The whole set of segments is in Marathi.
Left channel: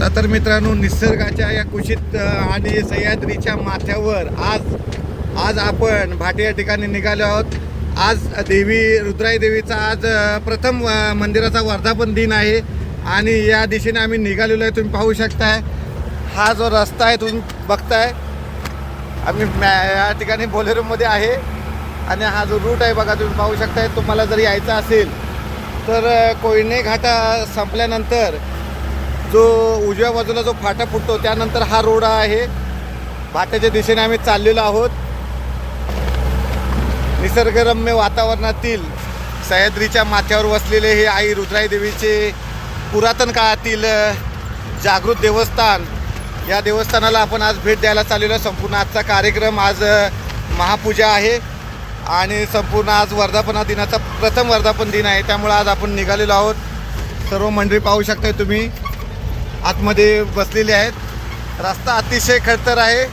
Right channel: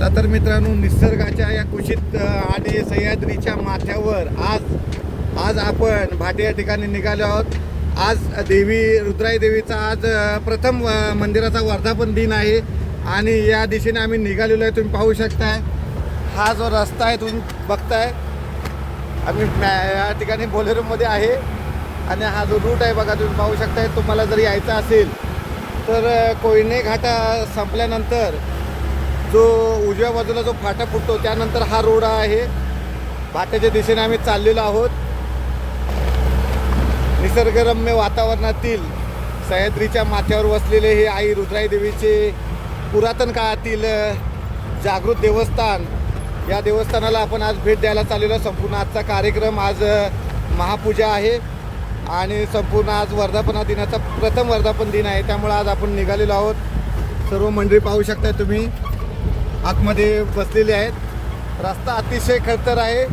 चला तर मित्रांनो, निसर्गाच्या या कुशीत आणि सह्याद्रीच्या माथ्यावर आज आपण भाटी या ठिकाणी निघालो आहोत. आज रुद्राई देवीचा आज प्रथम मंदिराचा वर्धापन दिन आहे आणि या दिशेने आम्ही निघालेलो आहे. तुम्ही पाहू शकताय हा जो रस्ता आहे तुम्ही बघताय. आम्ही या ठिकाणी बोलेरोमध्ये आहे आणि हा जो रूट आहे बघा तुम्ही पाहू शकताय. तुम्हाला जर यायचं असेल तर कोयने घाटा संपल्यानंतर जो उजव्या बाजूला जो फाटा फुटतो त्यानंतर हा रोड आहे. फाट्याच्या दिशेने आम्ही चाललेलो आहोत. निसर्गरम्य वातावरणातील सह्याद्रीच्या माथ्यावर वसलेले हे आई रुद्राई देवीचे पुरातन काळातील जागृत देवस्थान. या देवस्थानाला आपण आज भेट द्यायला चाललेलो. संपूर्ण आजचा कार्यक्रम आज महापूजा आहे आणि संपूर्ण आज वर्धापना दिनाचा प्रथम वर्धापन दिन आहे. त्यामुळे आज आपण निघालेलो आहोत. सर्व मंडळी पाहू शकता तुम्ही आतमध्ये बसलेले आहेत. रस्ता अतिशय खडतर आहे.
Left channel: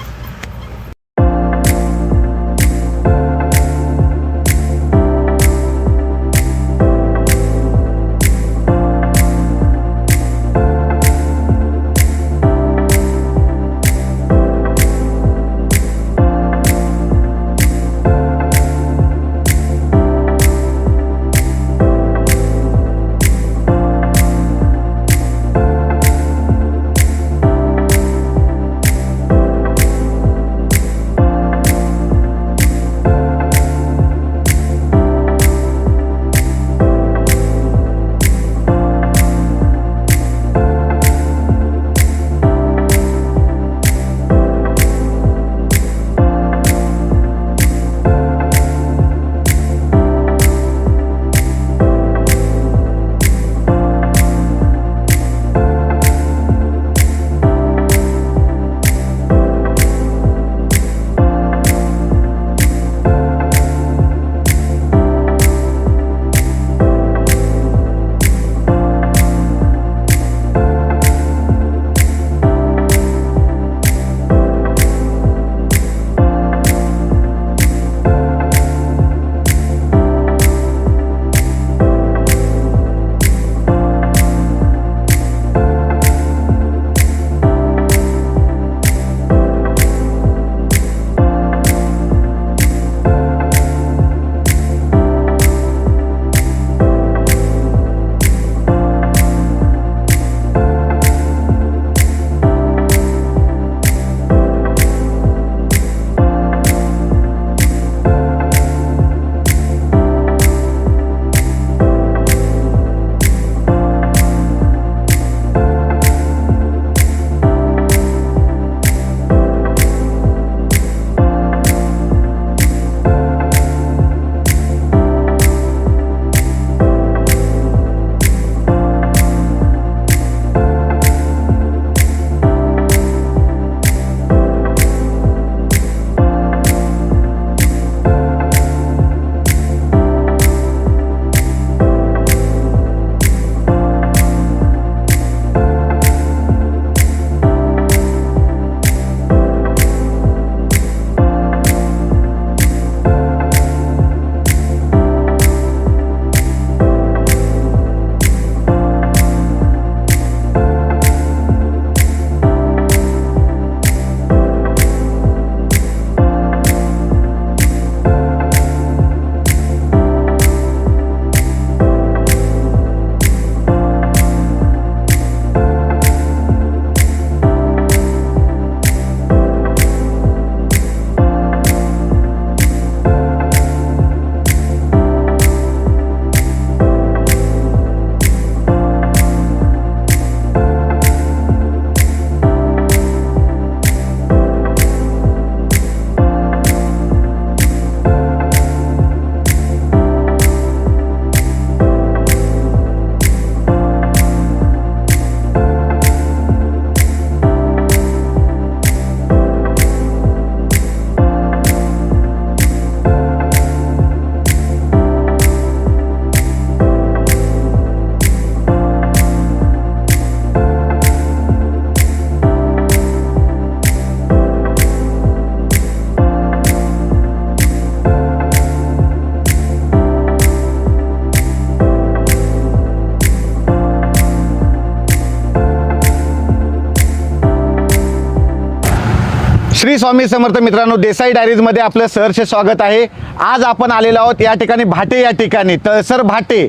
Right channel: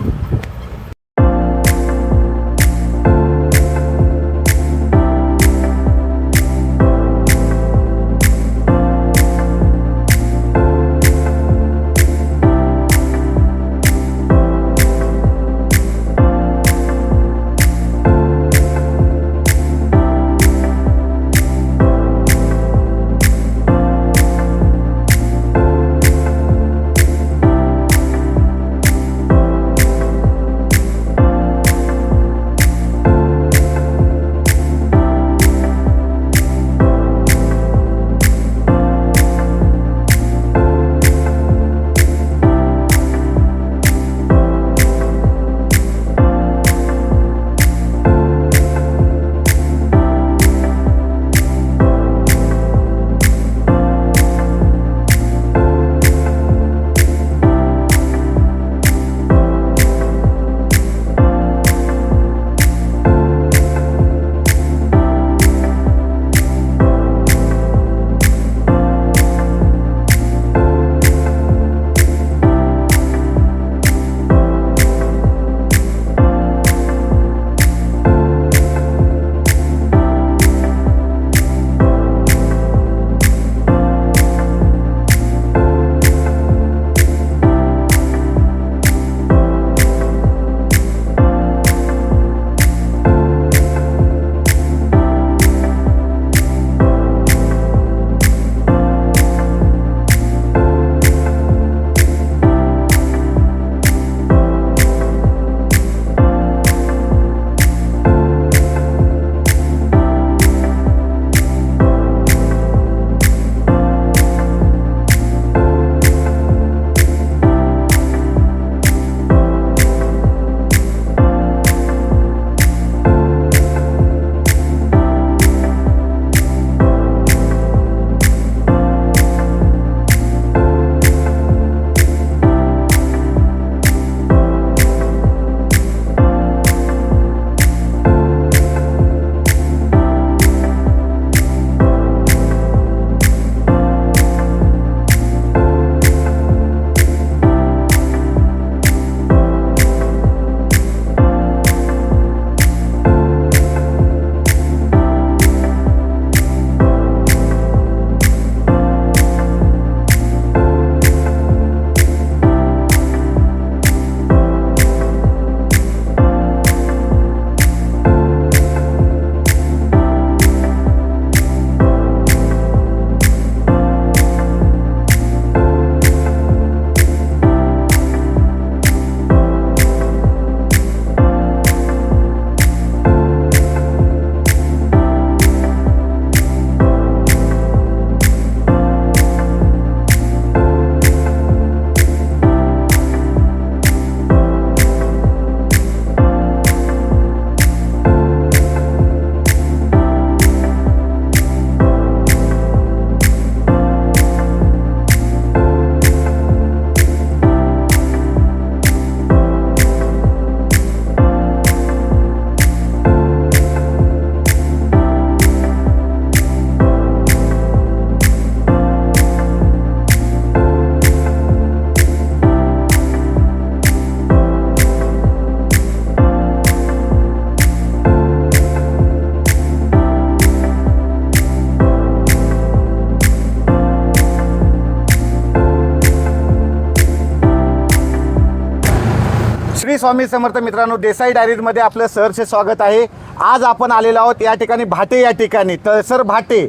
स्वामी समर्थ मित्रांनो, देसाई डायरीजमध्ये आपलं सहर्ष स्वागत आहे. आज आपण आलेलो आहोत या ठिकाणी भाटे या ठिकाणी. तळसर भाटे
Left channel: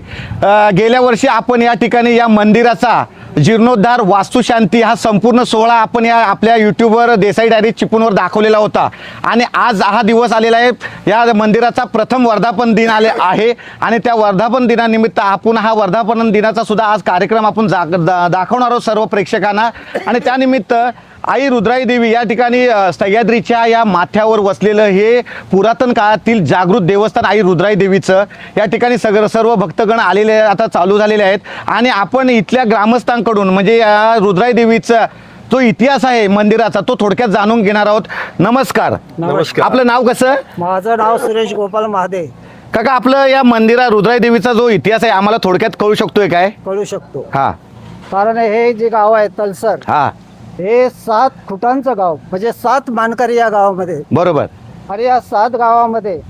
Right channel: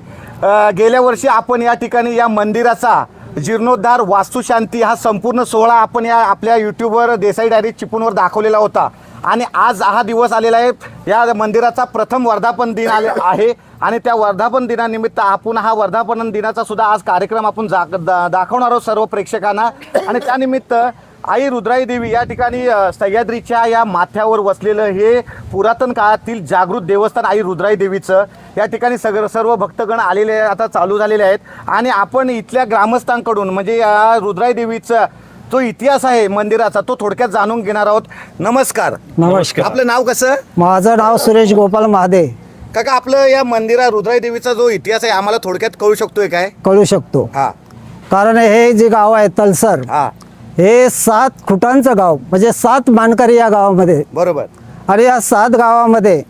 गेल्या वर्षी आपण या ठिकाणी या मंदिराचा जीर्णोद्धार, वास्तुशांती हा संपूर्ण सोहळा आपण या आपल्या यूट्यूबवर देसाई डायरी चिपळूणवर दाखवलेला होता. आणि आज हा दिवस आलेला आहे. या मंदिराचा प्रथम वर्धापन दिन आले आहे आणि त्या वर्धापन दिनानिमित्त आपण हा वर्धापन दिनाचा सुद्धा आज कार्यक्रम आपण दाखवणार आहोत सर्व प्रेक्षकांना. आणि त्यानिमित्त आई रुद्राई देवी या ठिकाणी सह्याद्रीच्या या माथ्यावर वसलेलं हे पुरातन काळातील जागृत देवस्थान आई रुद्राई देवीचं या ठिकाणी सर्व भक्तगण आलेले आता चालू झालेले आहेत. आणि आपण इथल्या ग्रामस्थांकडून म्हणजे या रुद्राई देवीचं तो इतिहास आहे मंदिराचा तो थोडक्यात जाणून घेणार आहोत. नमस्कार. नमस्कार. आपलं नाव कसं? माझं नाव सुरेश गोपाल महादे. काका, आपलं या मंदिरा रुद्राई देवीचा जो इतिहास आहे आम्हाला थोडक्यात कळू शकतोय काय? कळू शकतो. हा कारण हे जे गाव आहे तलसर, हा हे 7 खुटांचं गाव, म्हणजे 7 मानकरी या गावामध्ये. बरोबर. आणि या 7 गावामध्ये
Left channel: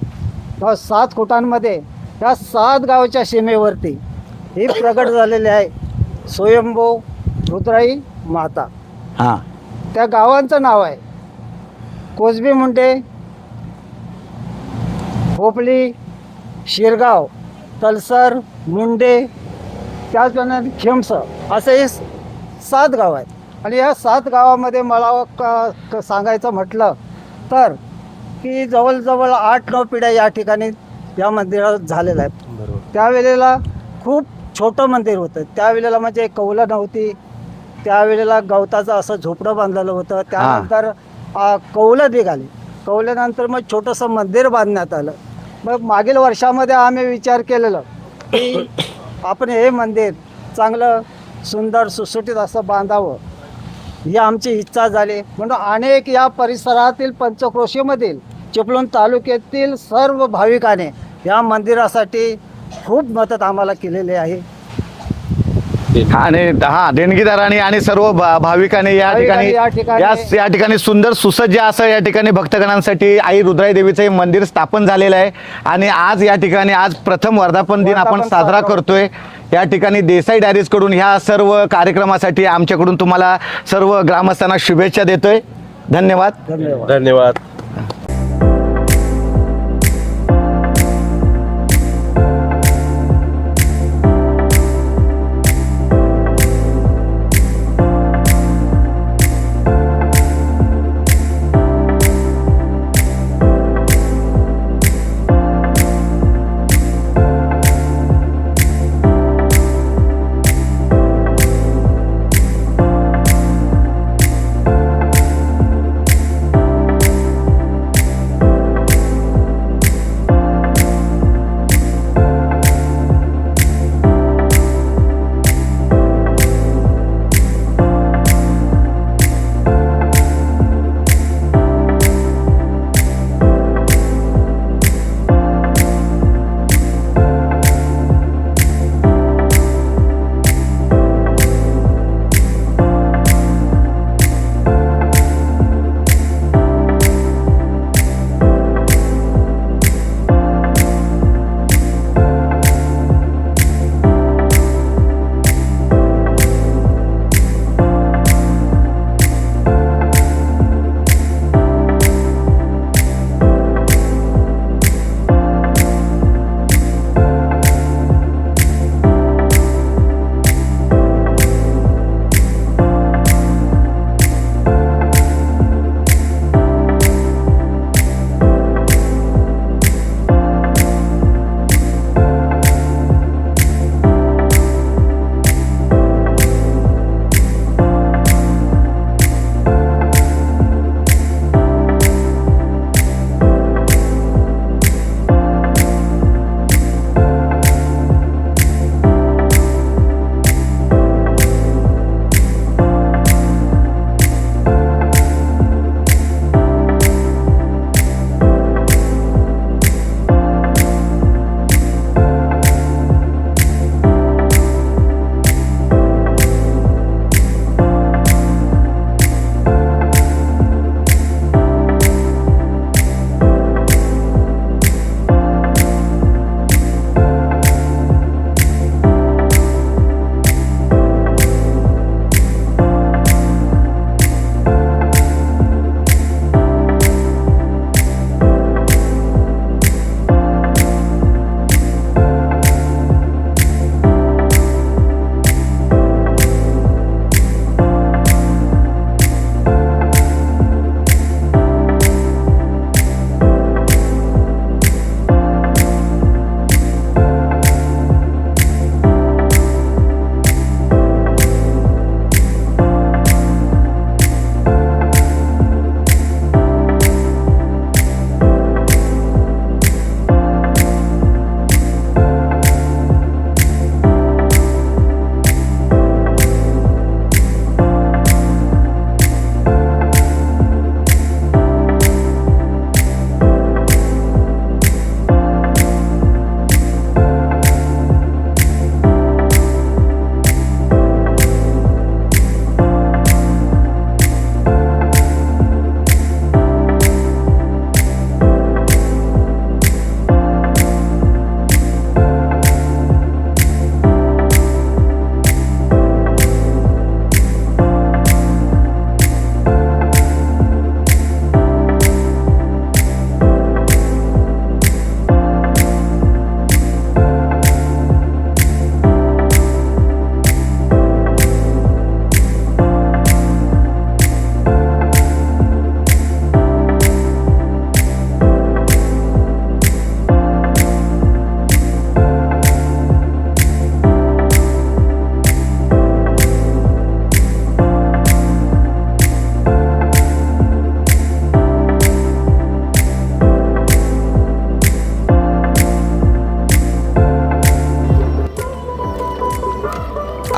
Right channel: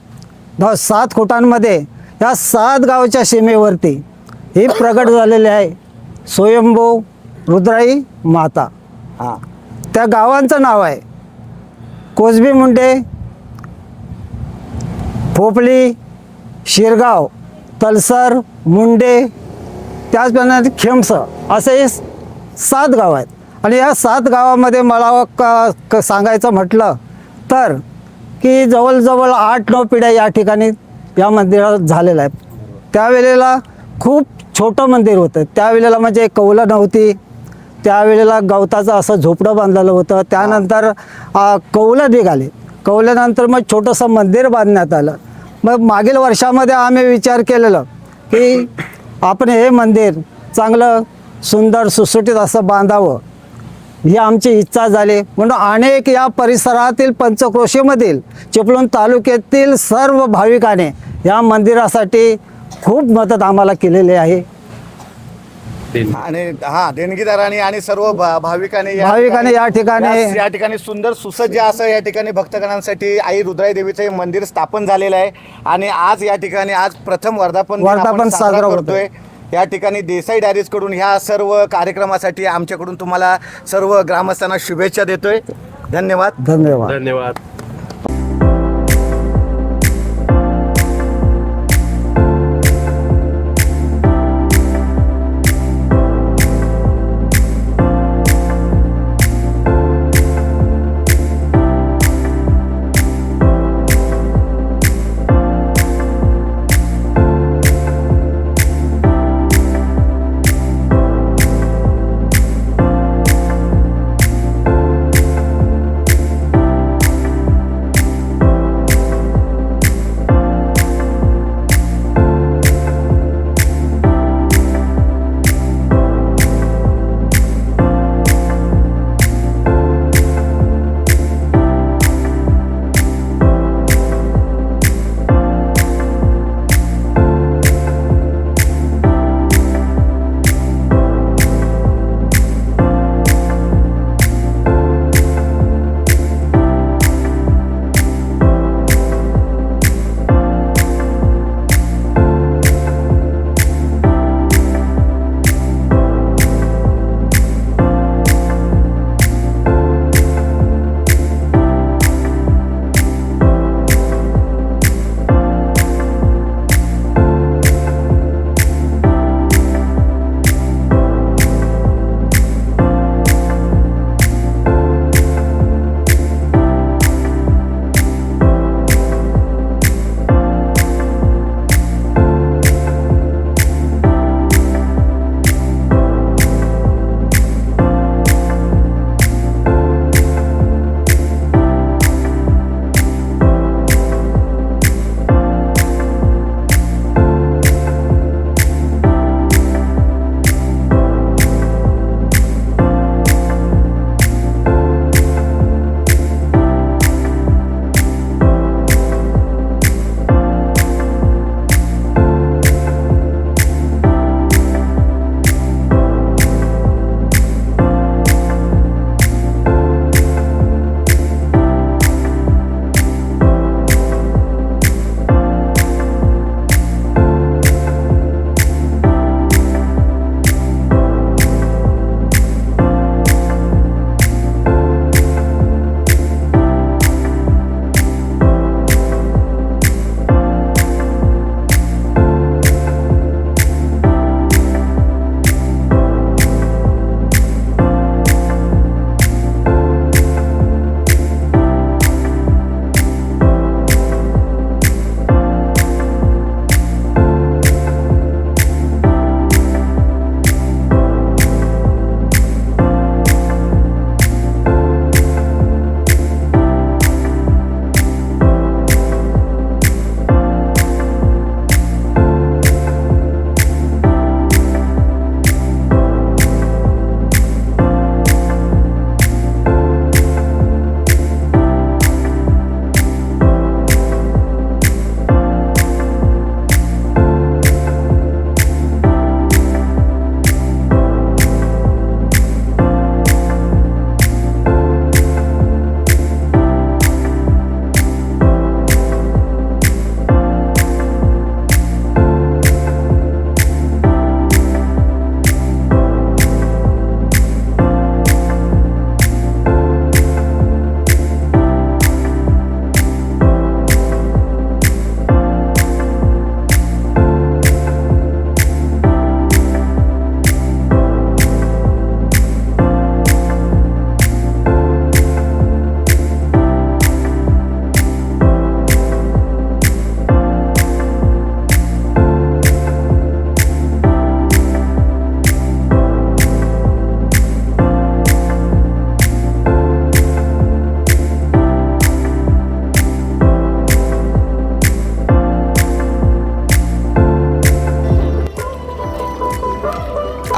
7 खुटांमध्ये या 7 गावच्या सीमेवरती ही प्रगट झालेली आहे स्वयंभू रुद्राई माता. हा त्या गावांचं नाव आहे कोसबी मुंडे, पोपली, शिरगाव, तलसर, मुंडे, त्याचप्रमाणे खेमस असे हे 7 गाव आहेत. आणि या 7 गावामध्ये मला सांगायचं म्हटलं तर की जवळजवळ 8-9 पिढ्या या ठिकाणी या मंदिरात झालेल्या आहेत. त्यावेळेला खूप छोटं मंदिर होतं. त्यावेळेला म्हणजे कौलं नव्हती. त्यावेळेला गवताचं असं झोपडं बांधलेलं होतं. त्यानंतर कौलं निघाले. कौल्यानंतर मग छोटंसं मंदिर बांधण्यात आलं. मग मागील वर्षामध्ये आम्ही विचार केलेलं की आपण हे मंदिर चांगलं सुंदर सुसुटीत असं बांधावं, ही आमची इच्छा झाली. म्हणून अनेक या परिसरातील पंचक्रोशीमधील चिपळूण तालुक्यातील सर्व भाविकाने या मंदिरासाठी खूप मदत आम्हाला केलेली आहे. आणि देणगीदारांनी आणि सर्व भाविकांनी या ठिकाणी सुंदर सुसज्ज असं या ठिकाणी भक्तगणांसाठी आई रुद्राई देवीचं हे मंदिर स्थापन झालेलं आहे. आणि आज या ठिकाणी आज प्रथम वर्धापन दिन आपण साजरा करतोय. या ठिकाणी देसाई डायरीज कडून ह्या सर्व कार्यक्रमासाठी आमच्याकडून तुम्हाला सर्व ग्रामस्थांना शुभेच्छा देतोय. धन्यवाद. धन्यवाद. धन्यवाद.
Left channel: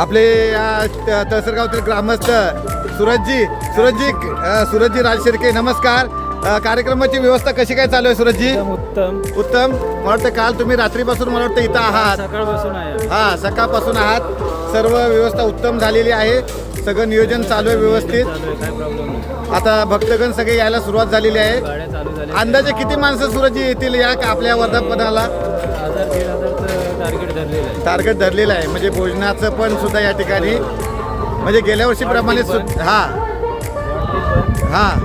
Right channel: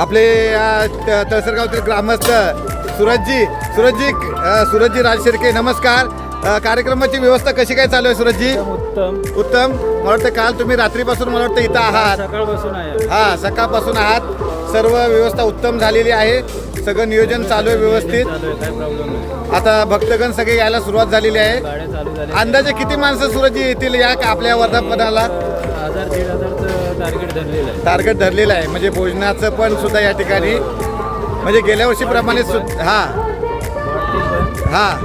आपले तळसरगावतील ग्रामस्थ सूरजजी राजशिर्के, नमस्कार. कार्यक्रमाची व्यवस्था कशी काय चालू आहे सूरजजी? उत्तम. मला वाटतं काल तुम्ही रात्रीपासून मला वाटतं इथं आहात. सकाळपासून आहे. हां, सकाळपासून आहात. सर्व व्यवस्था उत्तम झालेली आहे. सगळं नियोजन चालू आहे व्यवस्थित. काय प्रॉब्लेम नाही. आता भक्तगण सगळे यायला सुरुवात झालेली आहे. गाड्या चालू झाल्या. अंदाजे किती माणसं सूरजजी येतील या आपल्या वर्धापनाला? 1000-1500चं टार्गेट धरलेलं आहे. टार्गेट धरलेलं आहे. म्हणजे भोजनाचं पण सुद्धा या ठिकाणी म्हणजे गेल्या वर्षीप्रमाणे हां वाढतील पण. हां,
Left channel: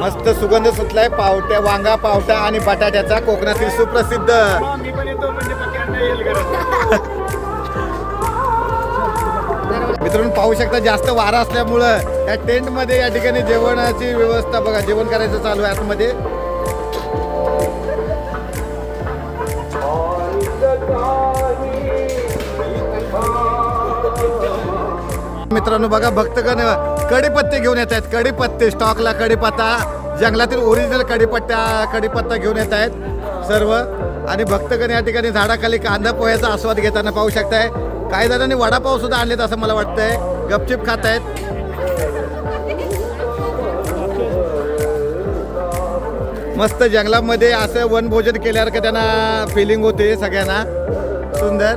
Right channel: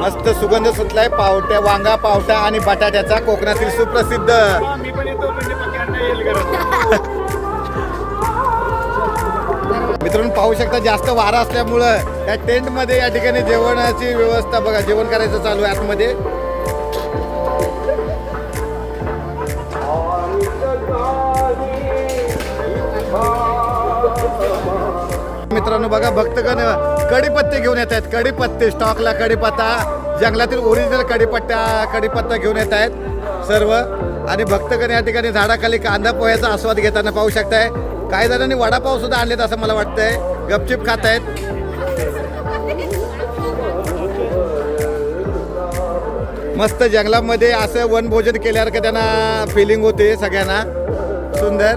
मस्त सुगंध सुटलाय पावट्या, वांगा पावटा आणि बटाट्याचा, कोकणातील सुप्रसिद्ध. मित्रांनो पाहू शकता जास्त वारा असल्यामुळं या टेंटमध्ये या ठिकाणी जेवणाची व्यवस्था बघा, जेवण करायचं चालू आहे आतमध्ये. मित्रांनो बघा भक्तगण कढीपत्ते घेऊन येत आहेत. कढीपत्ते स्टॉकला, कढीपत्ता जंगलातील ओरिजिनल कढीपत्ता घेऊन येत आहेत सर्व. आणि भक्तगण या ठिकाणी झाडाखाली कांदा पोह्याचा आस्वाद घेताना पाहू शकताय. काही जणांनी वडापाव सुद्धा आणलेत असं मला वाटतंय. गपचिप खात आहेत. मस्त जंगलामध्ये असं वनभोजन केल्यावर का त्यांना फिलिंग होते सगळ्यांना. सुंदर.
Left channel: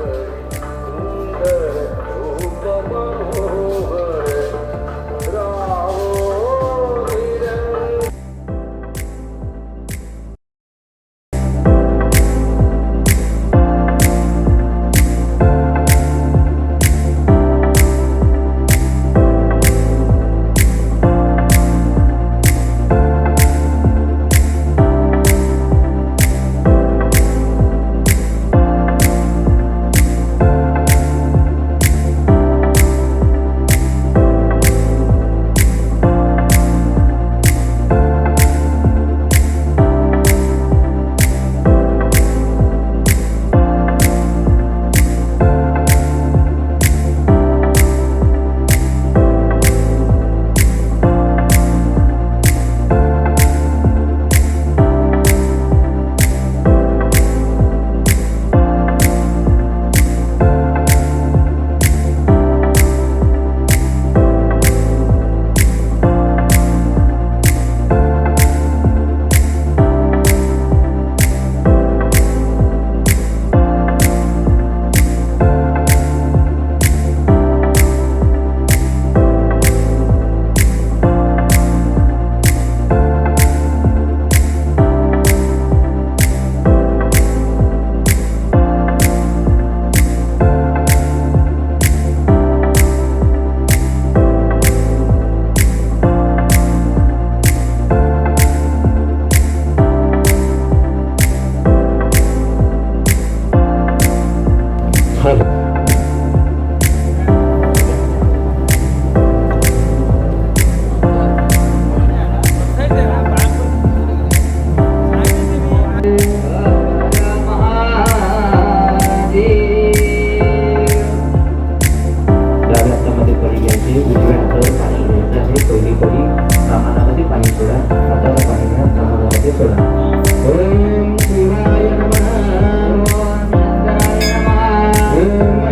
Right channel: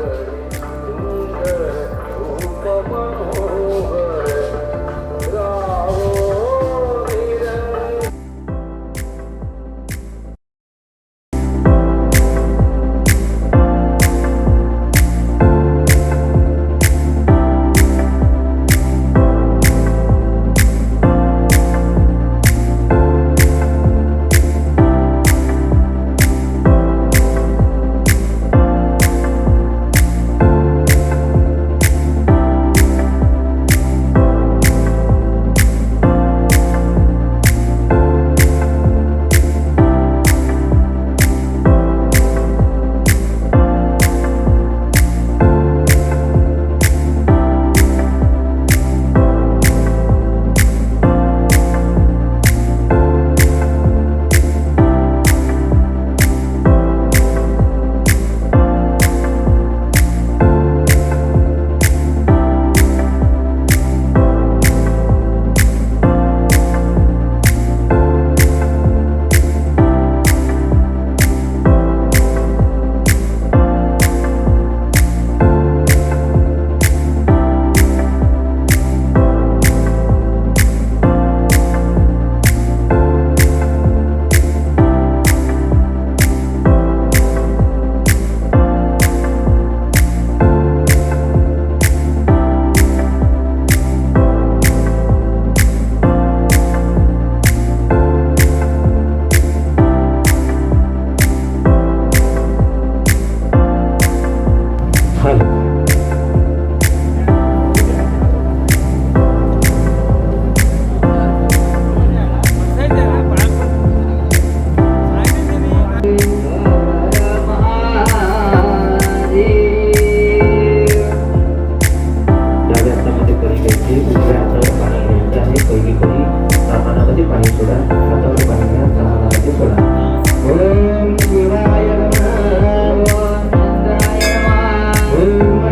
ओम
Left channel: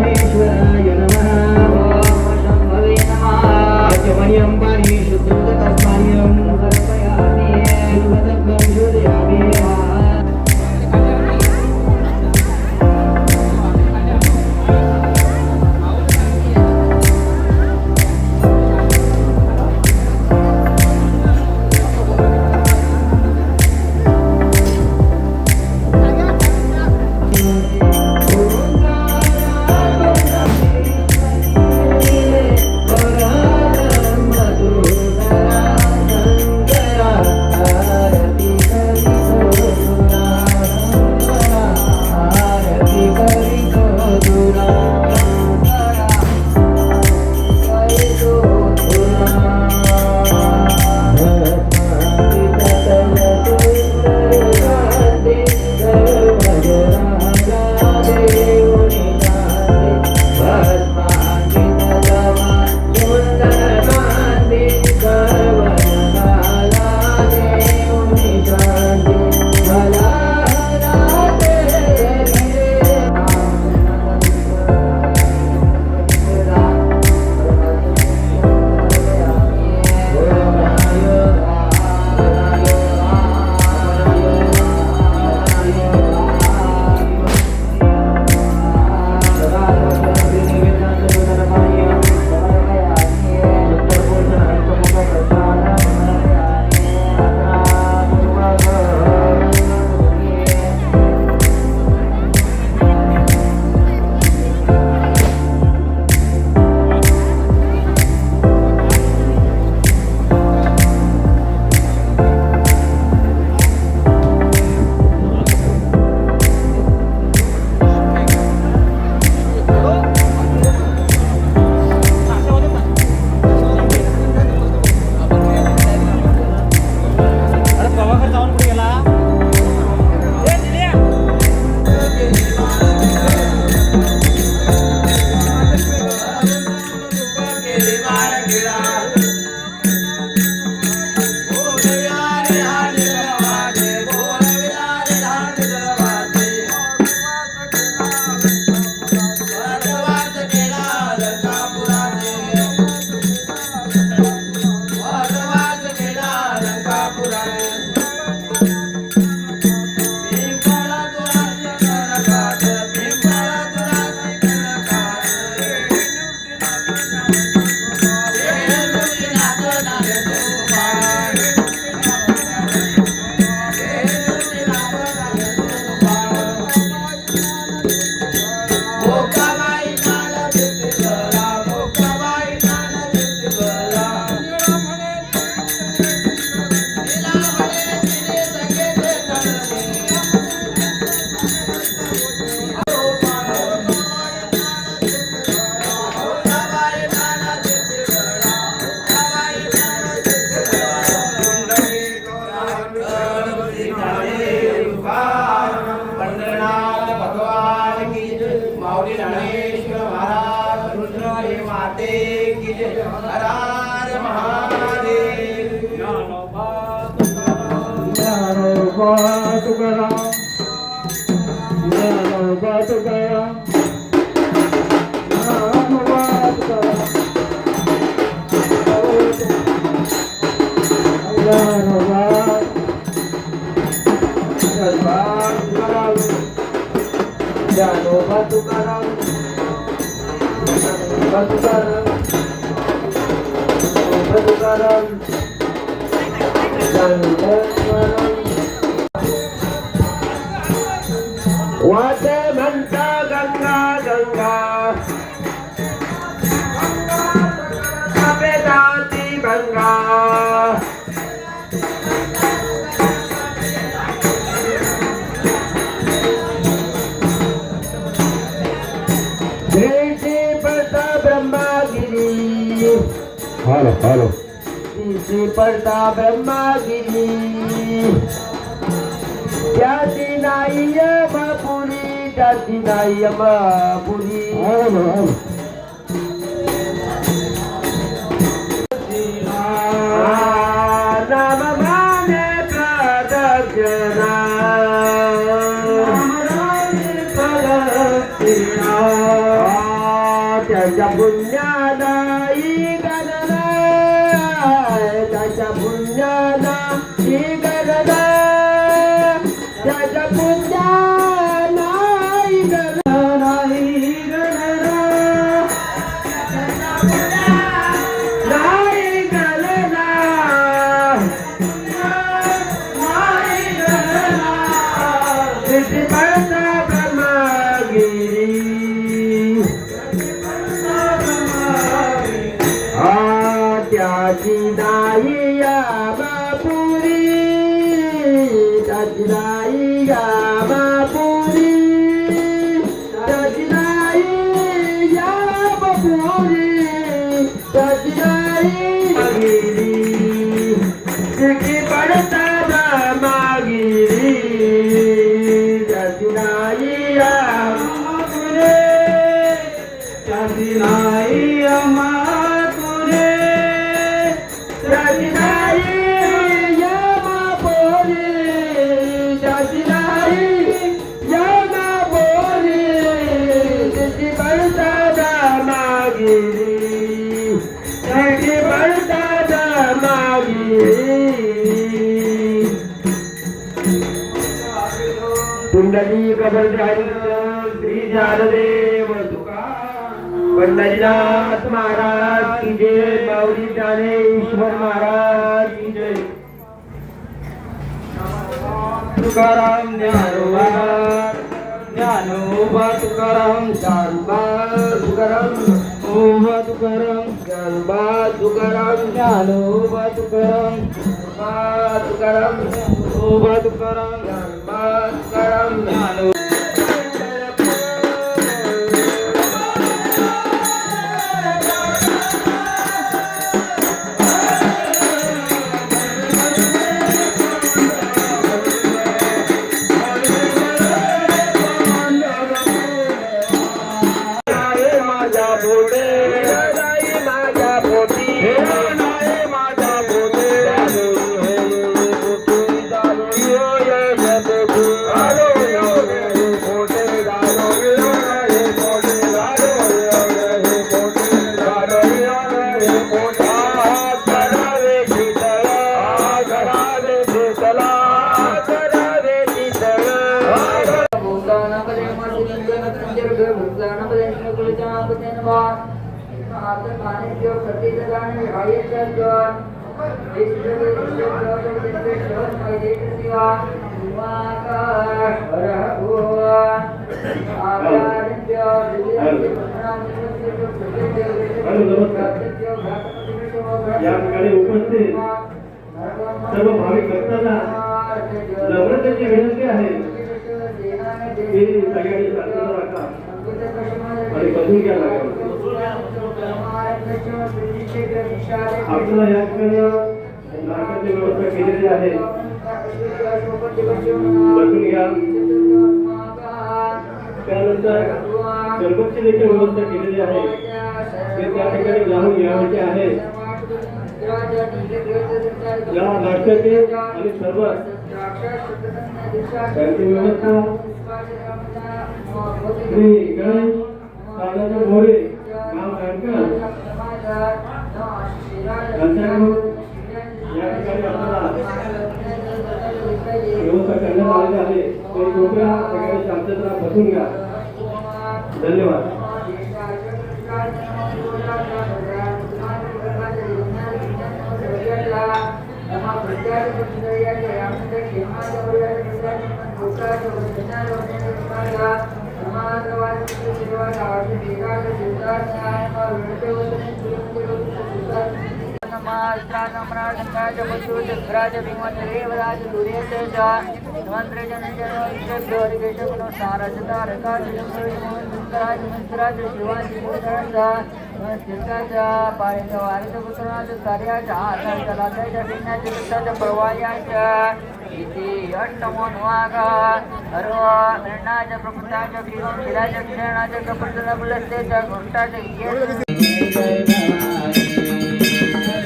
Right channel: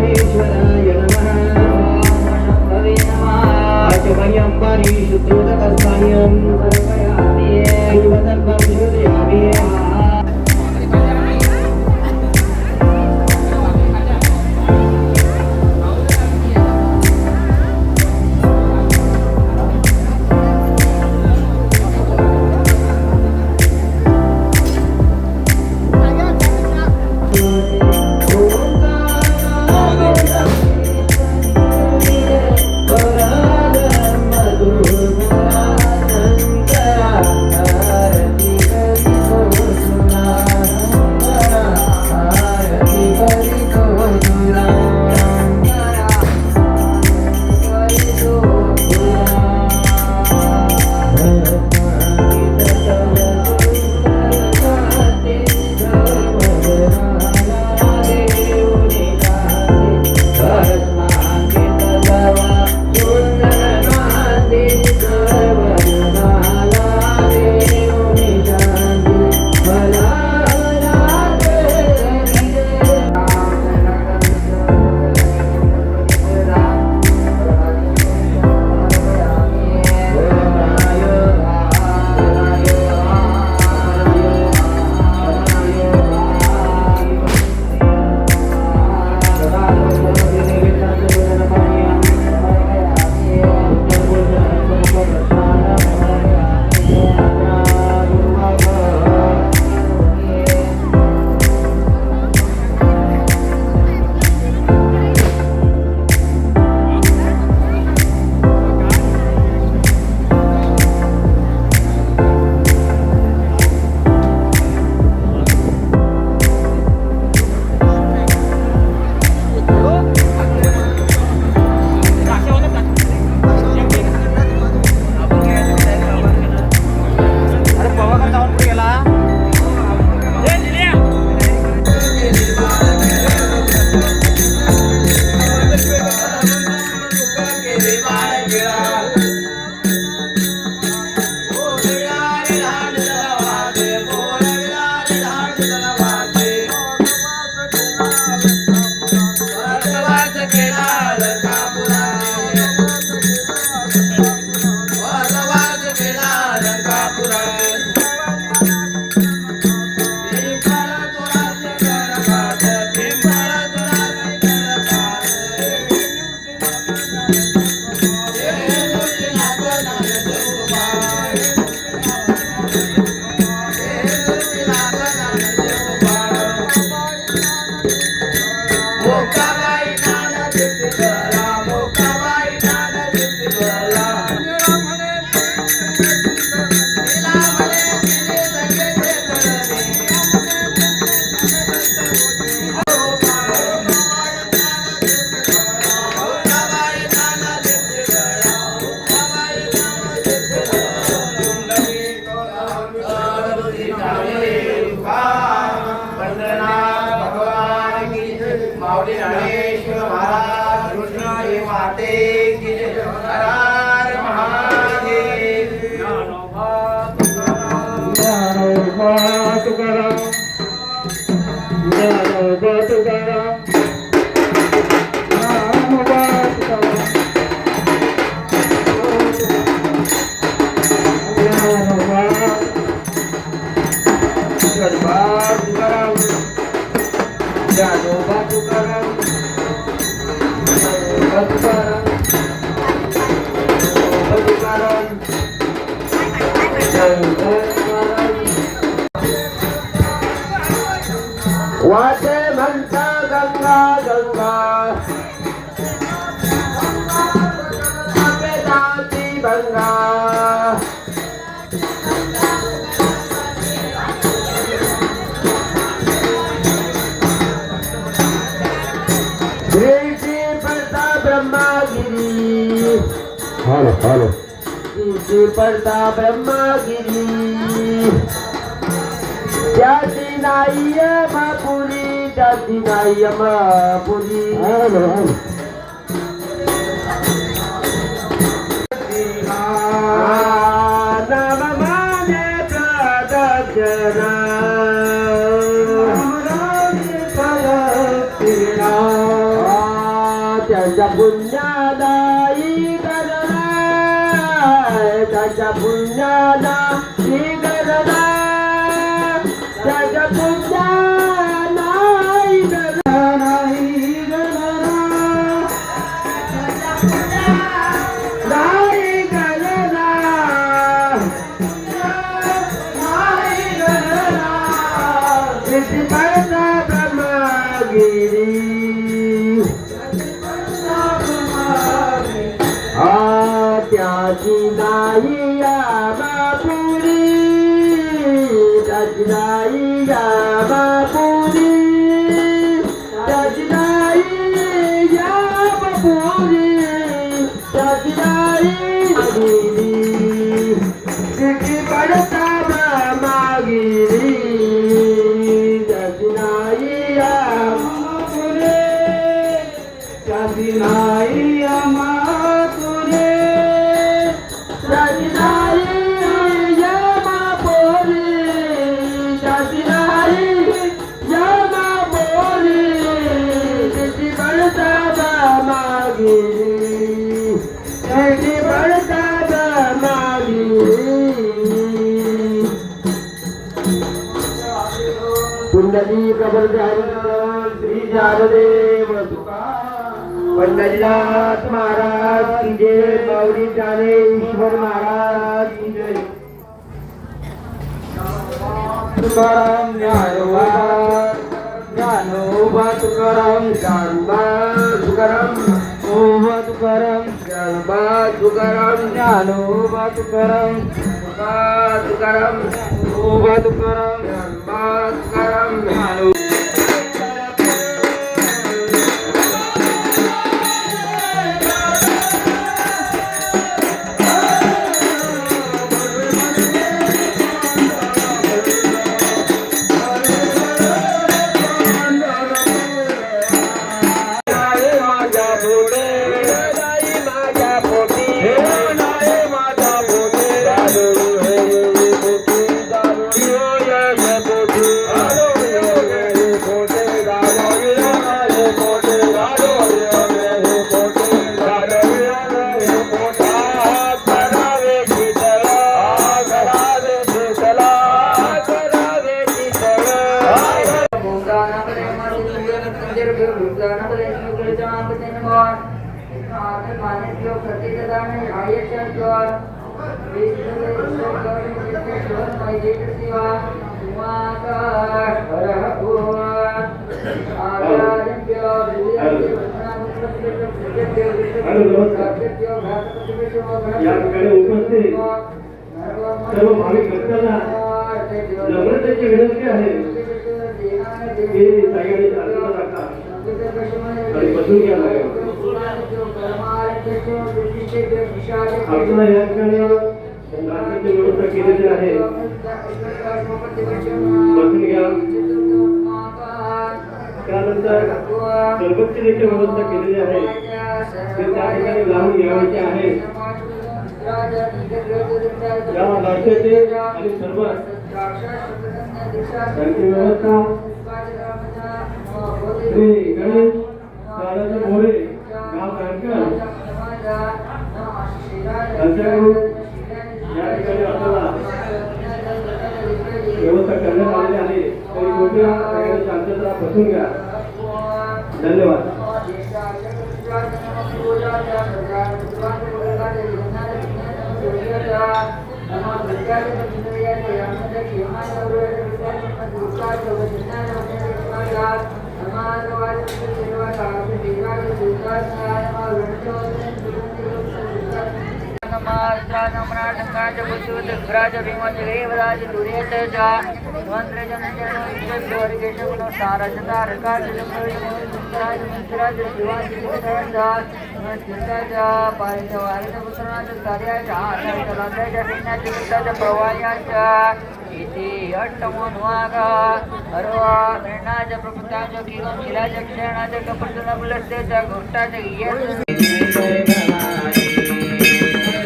माऊली ज्ञानेश्वर महाराज रुद्राई माते की जय. हर हर महादेव. ज्ञानोबा तुकाराम ज्ञानोबा तुकाराम ज्ञानोबा तुकाराम. ज्ञानोबा तुकाराम तुकाराम तुकाराम वाटे म्हणता गंगा गंगा जाती गंगा. श्री पडता ब्रह्मागिरी श्री पडता ब्रह्मागिरी. त्याची नाही यमापुरी त्याची नाही यमापुरी. नाम माने प्रदक्षिणा त्याच्या पुण्याला ही गणना त्याच्या पुण्याला ही गणना त्याच्या पुण्याला ही गणना ही गणना नाही गणना नाही गणना. तिथे पडता ब्रह्मगिरी त्याची नाही यामापुरी त्याची नाही यामापुरी त्याची नाही यामापुरी त्याची नाही गिरी. तिथे पडता ब्रह्मगिरी त्याची नाही यामापुरी त्याची नाही यामापुरी. पुंडली श्री ज्ञानदेव पंढरीनाथ महाराज की जय. माऊली ज्ञानेश्वर महाराज की जय. तुकाराम ज्ञानोबा ज्ञानोबा तुकाराम ज्ञानोबा तुकाराम ओबा तुकाराम ज्ञानोबा तुकाराम ज्ञानोबा तुकाराम तुकाराम ओबा तुकाराम ज्ञानोबा तुकाराम ज्ञानो. या ठिकाणी उपस्थित सर्व भाविक भक्तांना नम्रतेची विनंती आहे की सगळ्यांनी शांतता राखा आणि बसून घ्या. आपल्याला या ठिकाणी नाश्त्याची व्यवस्था केलेली आहे. बसून घ्या. त्यानंतर सरबतची देखील व्यवस्था केलेली आहे ते त्या ठिकाणी जाऊन घ्यायचे आहे. या नाश्त्याचे आणि सरबत यांची व्यवस्था श्री गणेश दादाजी मोरे गाव कानकर यांच्याकडून या ठिकाणी आपल्याला व्यवस्था करण्यात आलेली आहे. तरी कृपया सगळ्यांनी शांतता बसून घ्या. धन्यवाद.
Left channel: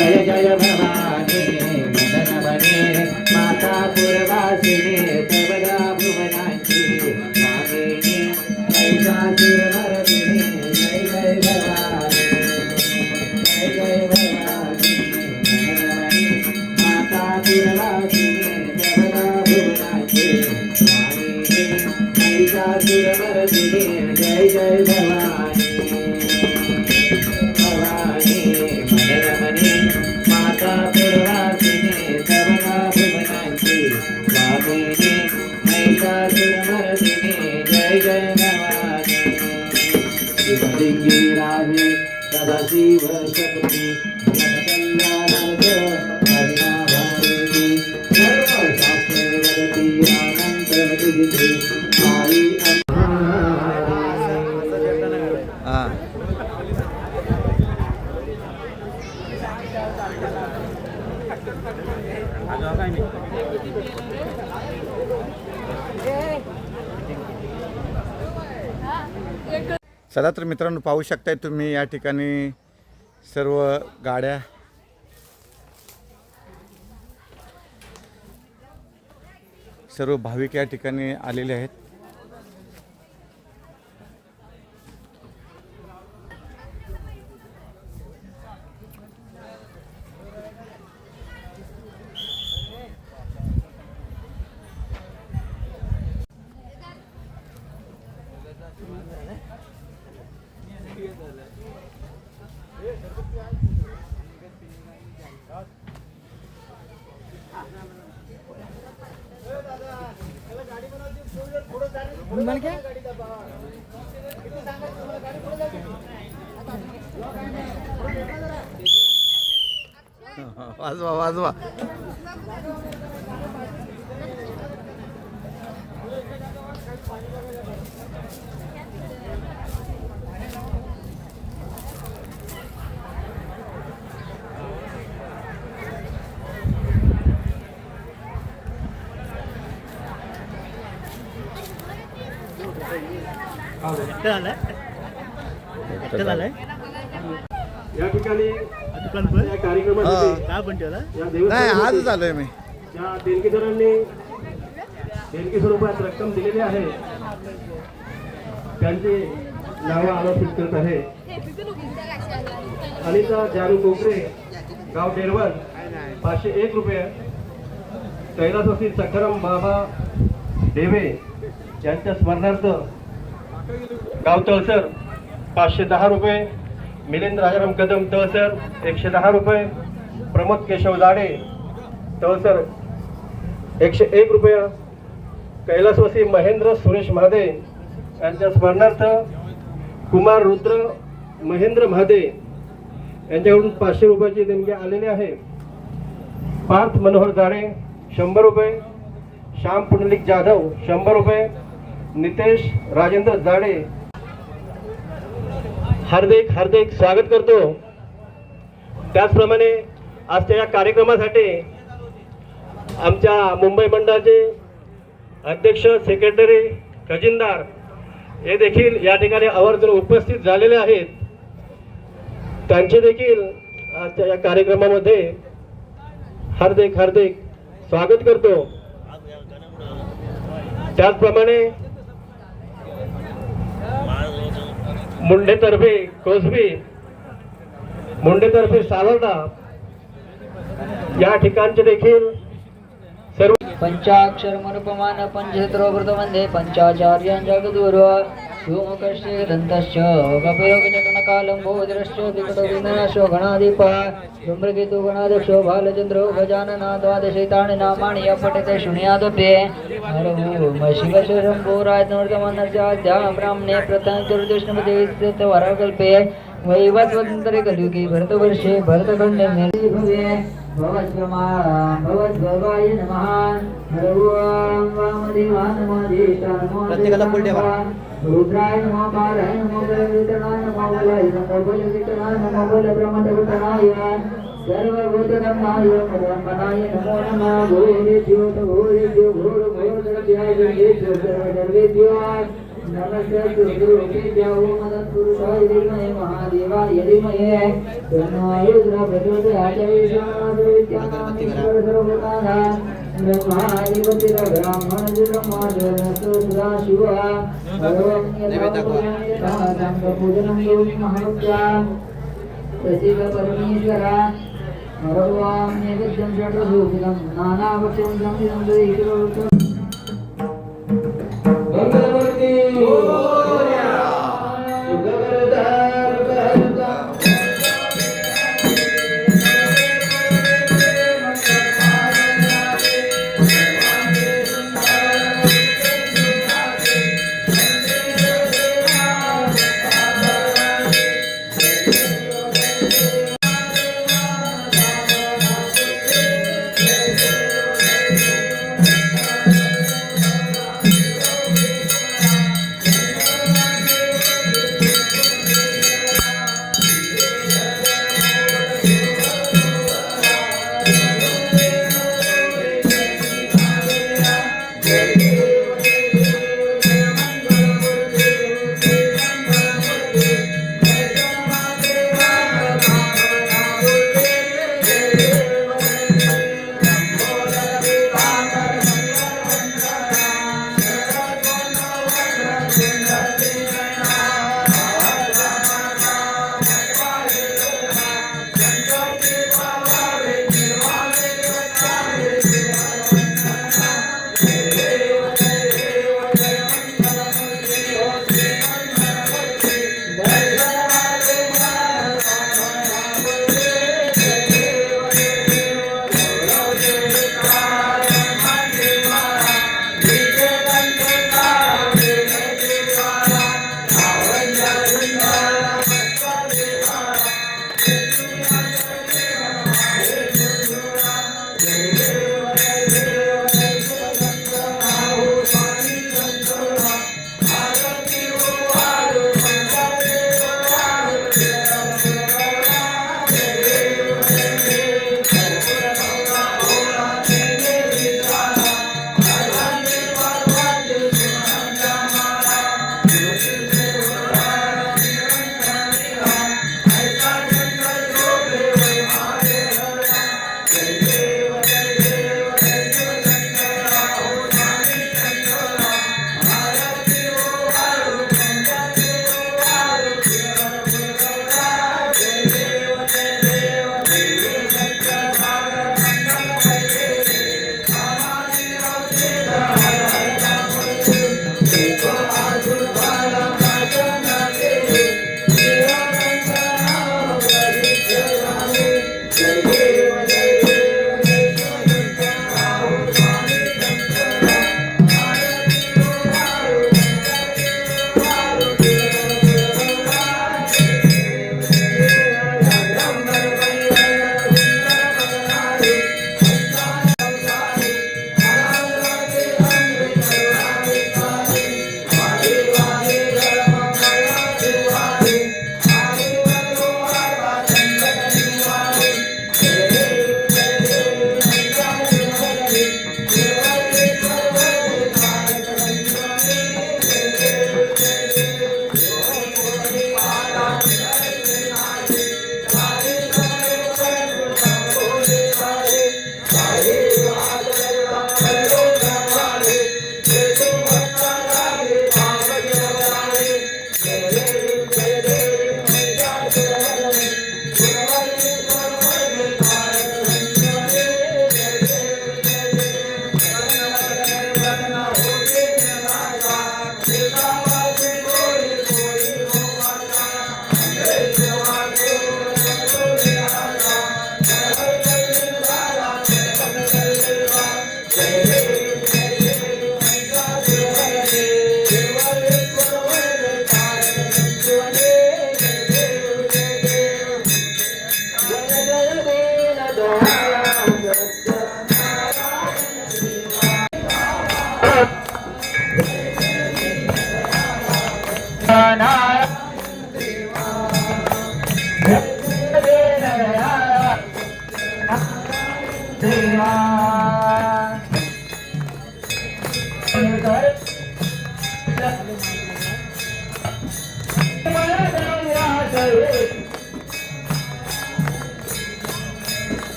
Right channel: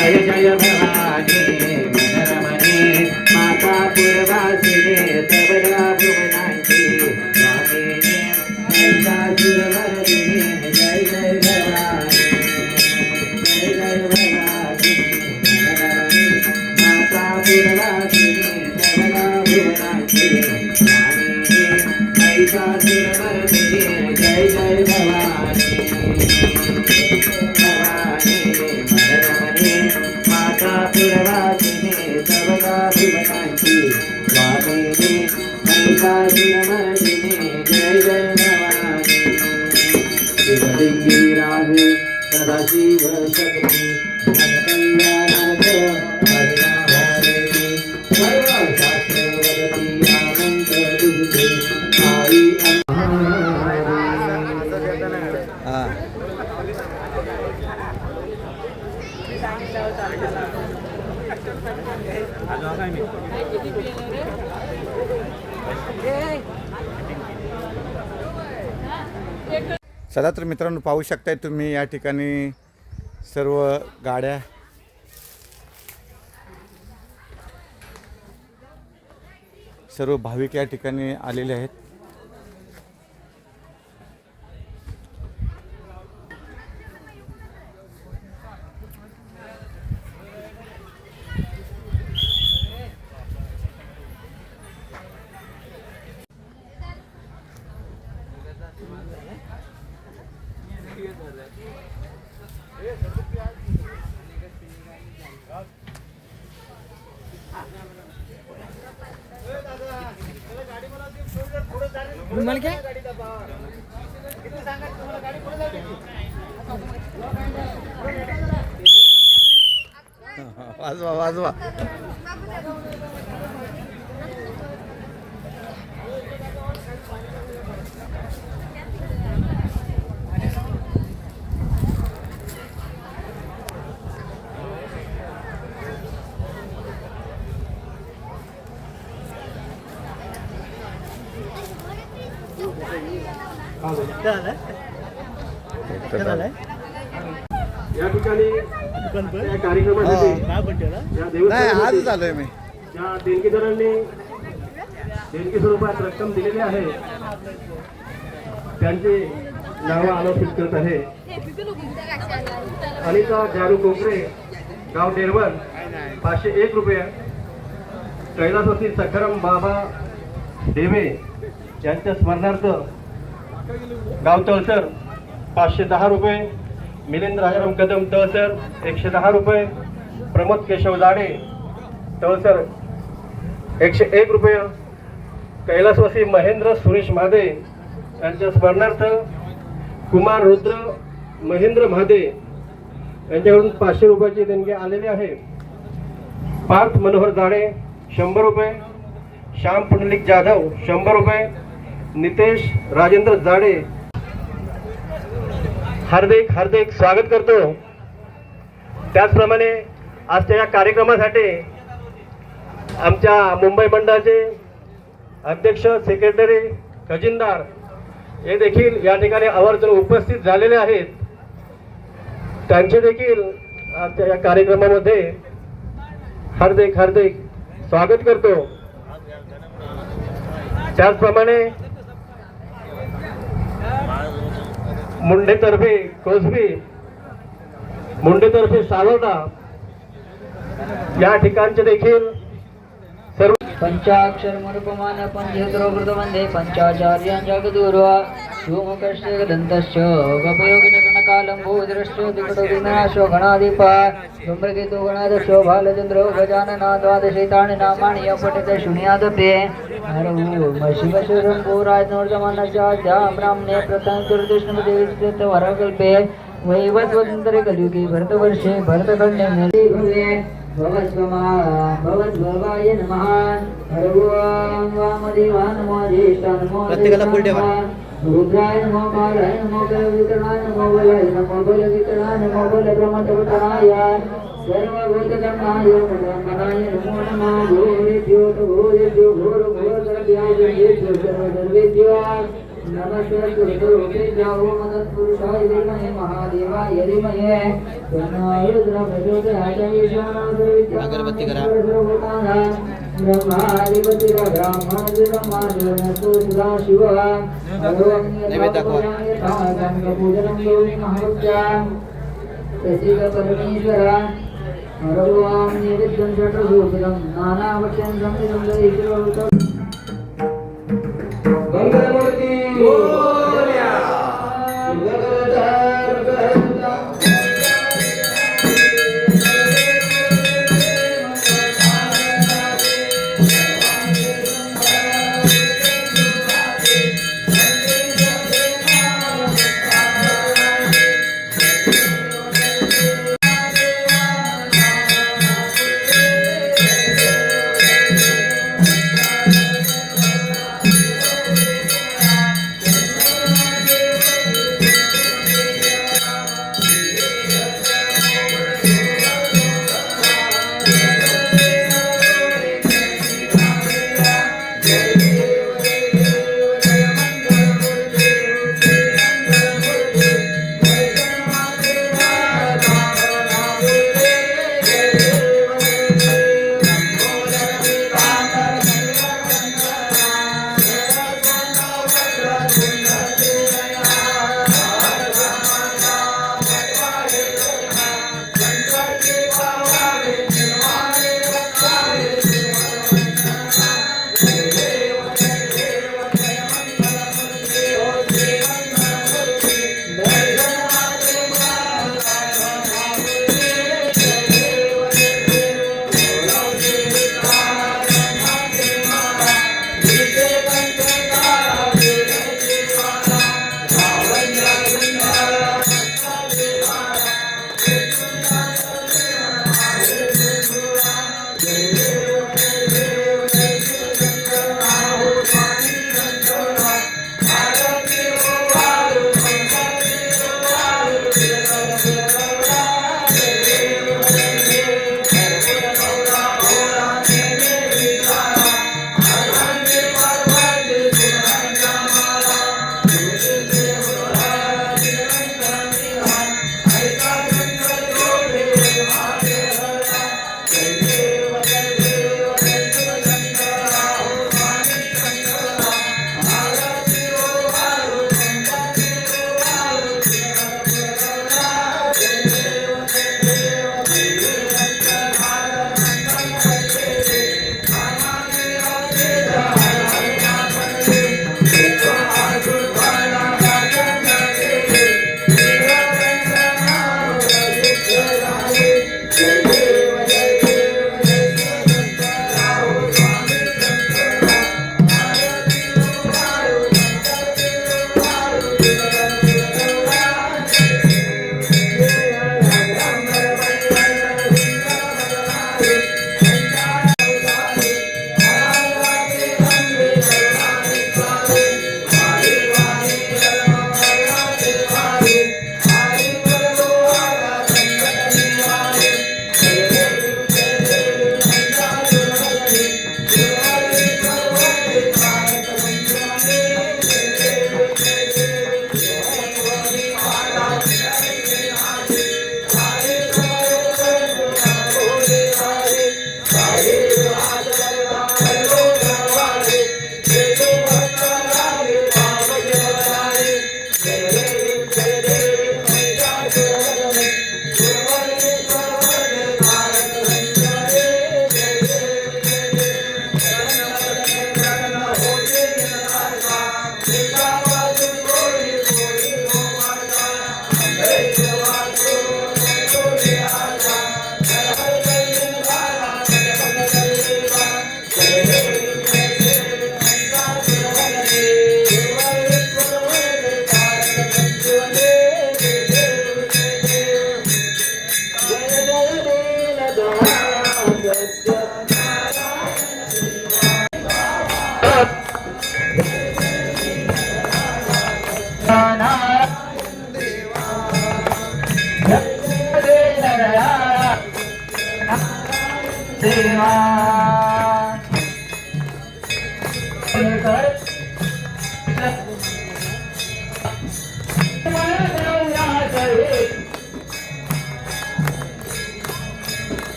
जय जय भवानी मनरवने माता पूर्वासिने सर्वदा भुवनांची स्वामिने महिषासुरमर्दिने जय जय भवानी जय जय भवानी मनरवने माता पूर्वासिने सर्वदा भुवनांची स्वामिने महिषासुरमर्दिने जय जय भवानी जय जय भवानी शिवलिंगी राधे सदाशिव शक्ति कल्याणार्थ हरिना भारती सर्वशास्त्रवती आमंत्र तुझे आई हां चला तर मित्रांनो, पाहू शकताय तुम्ही या ठिकाणी सर्व गाड्या सर्व भाविक या ठिकाणी आलेले आहेत. वाजवा वाजवा. या ठिकाणी या कार्यक्रमासाठी या नाही आज आलोय मी. ज्या देणगीदारांनी देणगी स्वरूपात रक्कम दिलेली आहे त्यांची नावं आलोचित करत आहे. अनिता जारू कोकरे गाव डेरवन 501 रुपये. कैलासवासी सखाराम बाबा देवे यांच्या स्मरणार्थ गाव तळसर 510 रुपये. मिलिंद राजाराम कदम तळसर 110 रुपये. प्रमोद केशव जाडे तळसर 101 रुपये. कैलासवासी महेंद्र सुरेश महादे यांच्या स्मरणार्थ कुमार रुद्र महेंद्र महादे यांच्याकडून 500 रुपयाची देणगी आलेली आहे. पार्थ मनोहर जाडे 100 रुपये. श्याम पुंडलिक जाधव 100 रुपये. नितेश राजेंद्र जाडे हार्दिक हार्दिक स्वागत करतो. त्याचप्रमाणे आजच्या या कार्यक्रमासाठी आमच्या मुंबई मंडळाचे अध्यक्ष सेक्रेटरी खजिनदार हे देखील या ठिकाणी आवर्जून उपस्थित झालेले आहेत. त्यांचे देखील आजच्या या कार्यक्रमामध्ये हार्दिक हार्दिक स्वागत करतो. त्याचप्रमाणे मुंडेतर्फे कोसबी, मुंडेतर्फे सावर्डा या ठिकाणचे देखील सर्व पंचाक्षर मरुपमान पंचहृतवृतवंदे पंचाचार्यां जगद्गुरु शिवमुखस्य दन्तस्य गपयोगिनकालम्बोदरस्य विकटोदिनाशो गणाधिप धूम्रकेतु गणाध्यक्षो बालचन्द्रो गजानना द्वादशैतानि नामानि अपठिते शृणुयादपि शिवशम्भोराजनोर्जमानस्याद्या ब्राह्मणे प्रथम चतुर्दशमदेवीवरकल्पे वैवस्वतन्त्रे कलियुगे भरतवर्षे भरतखण्डे भवे भवद्भवाय नमः. वामदेवाय नमः. ज्येष्ठाय नमः. रुद्राय नमः. बालाय नमः. बलवितरणाय नमः. बलाय नमः. बलवितरणाय नमः. बलब्रह्मदेवताय सर्वभूतधर्माय मनाय नमो नमः. भूरिभ्यो भूरिभ्यो घोरघोरगर्भ्यो सर्वधर्मेभ्यो नमस्ते. सुरगुरुभ्यो मदत्पुरुषाय धीमहि महादेवाय धीमहि तन्नो रुद्रः प्रचोदयात्. अगरबत्ती करा. नैवेद्य दाखवा. परमेश्वरा हरवाम नैवेद्यं षट्सूत्रं नानावक्ष्यं संविदं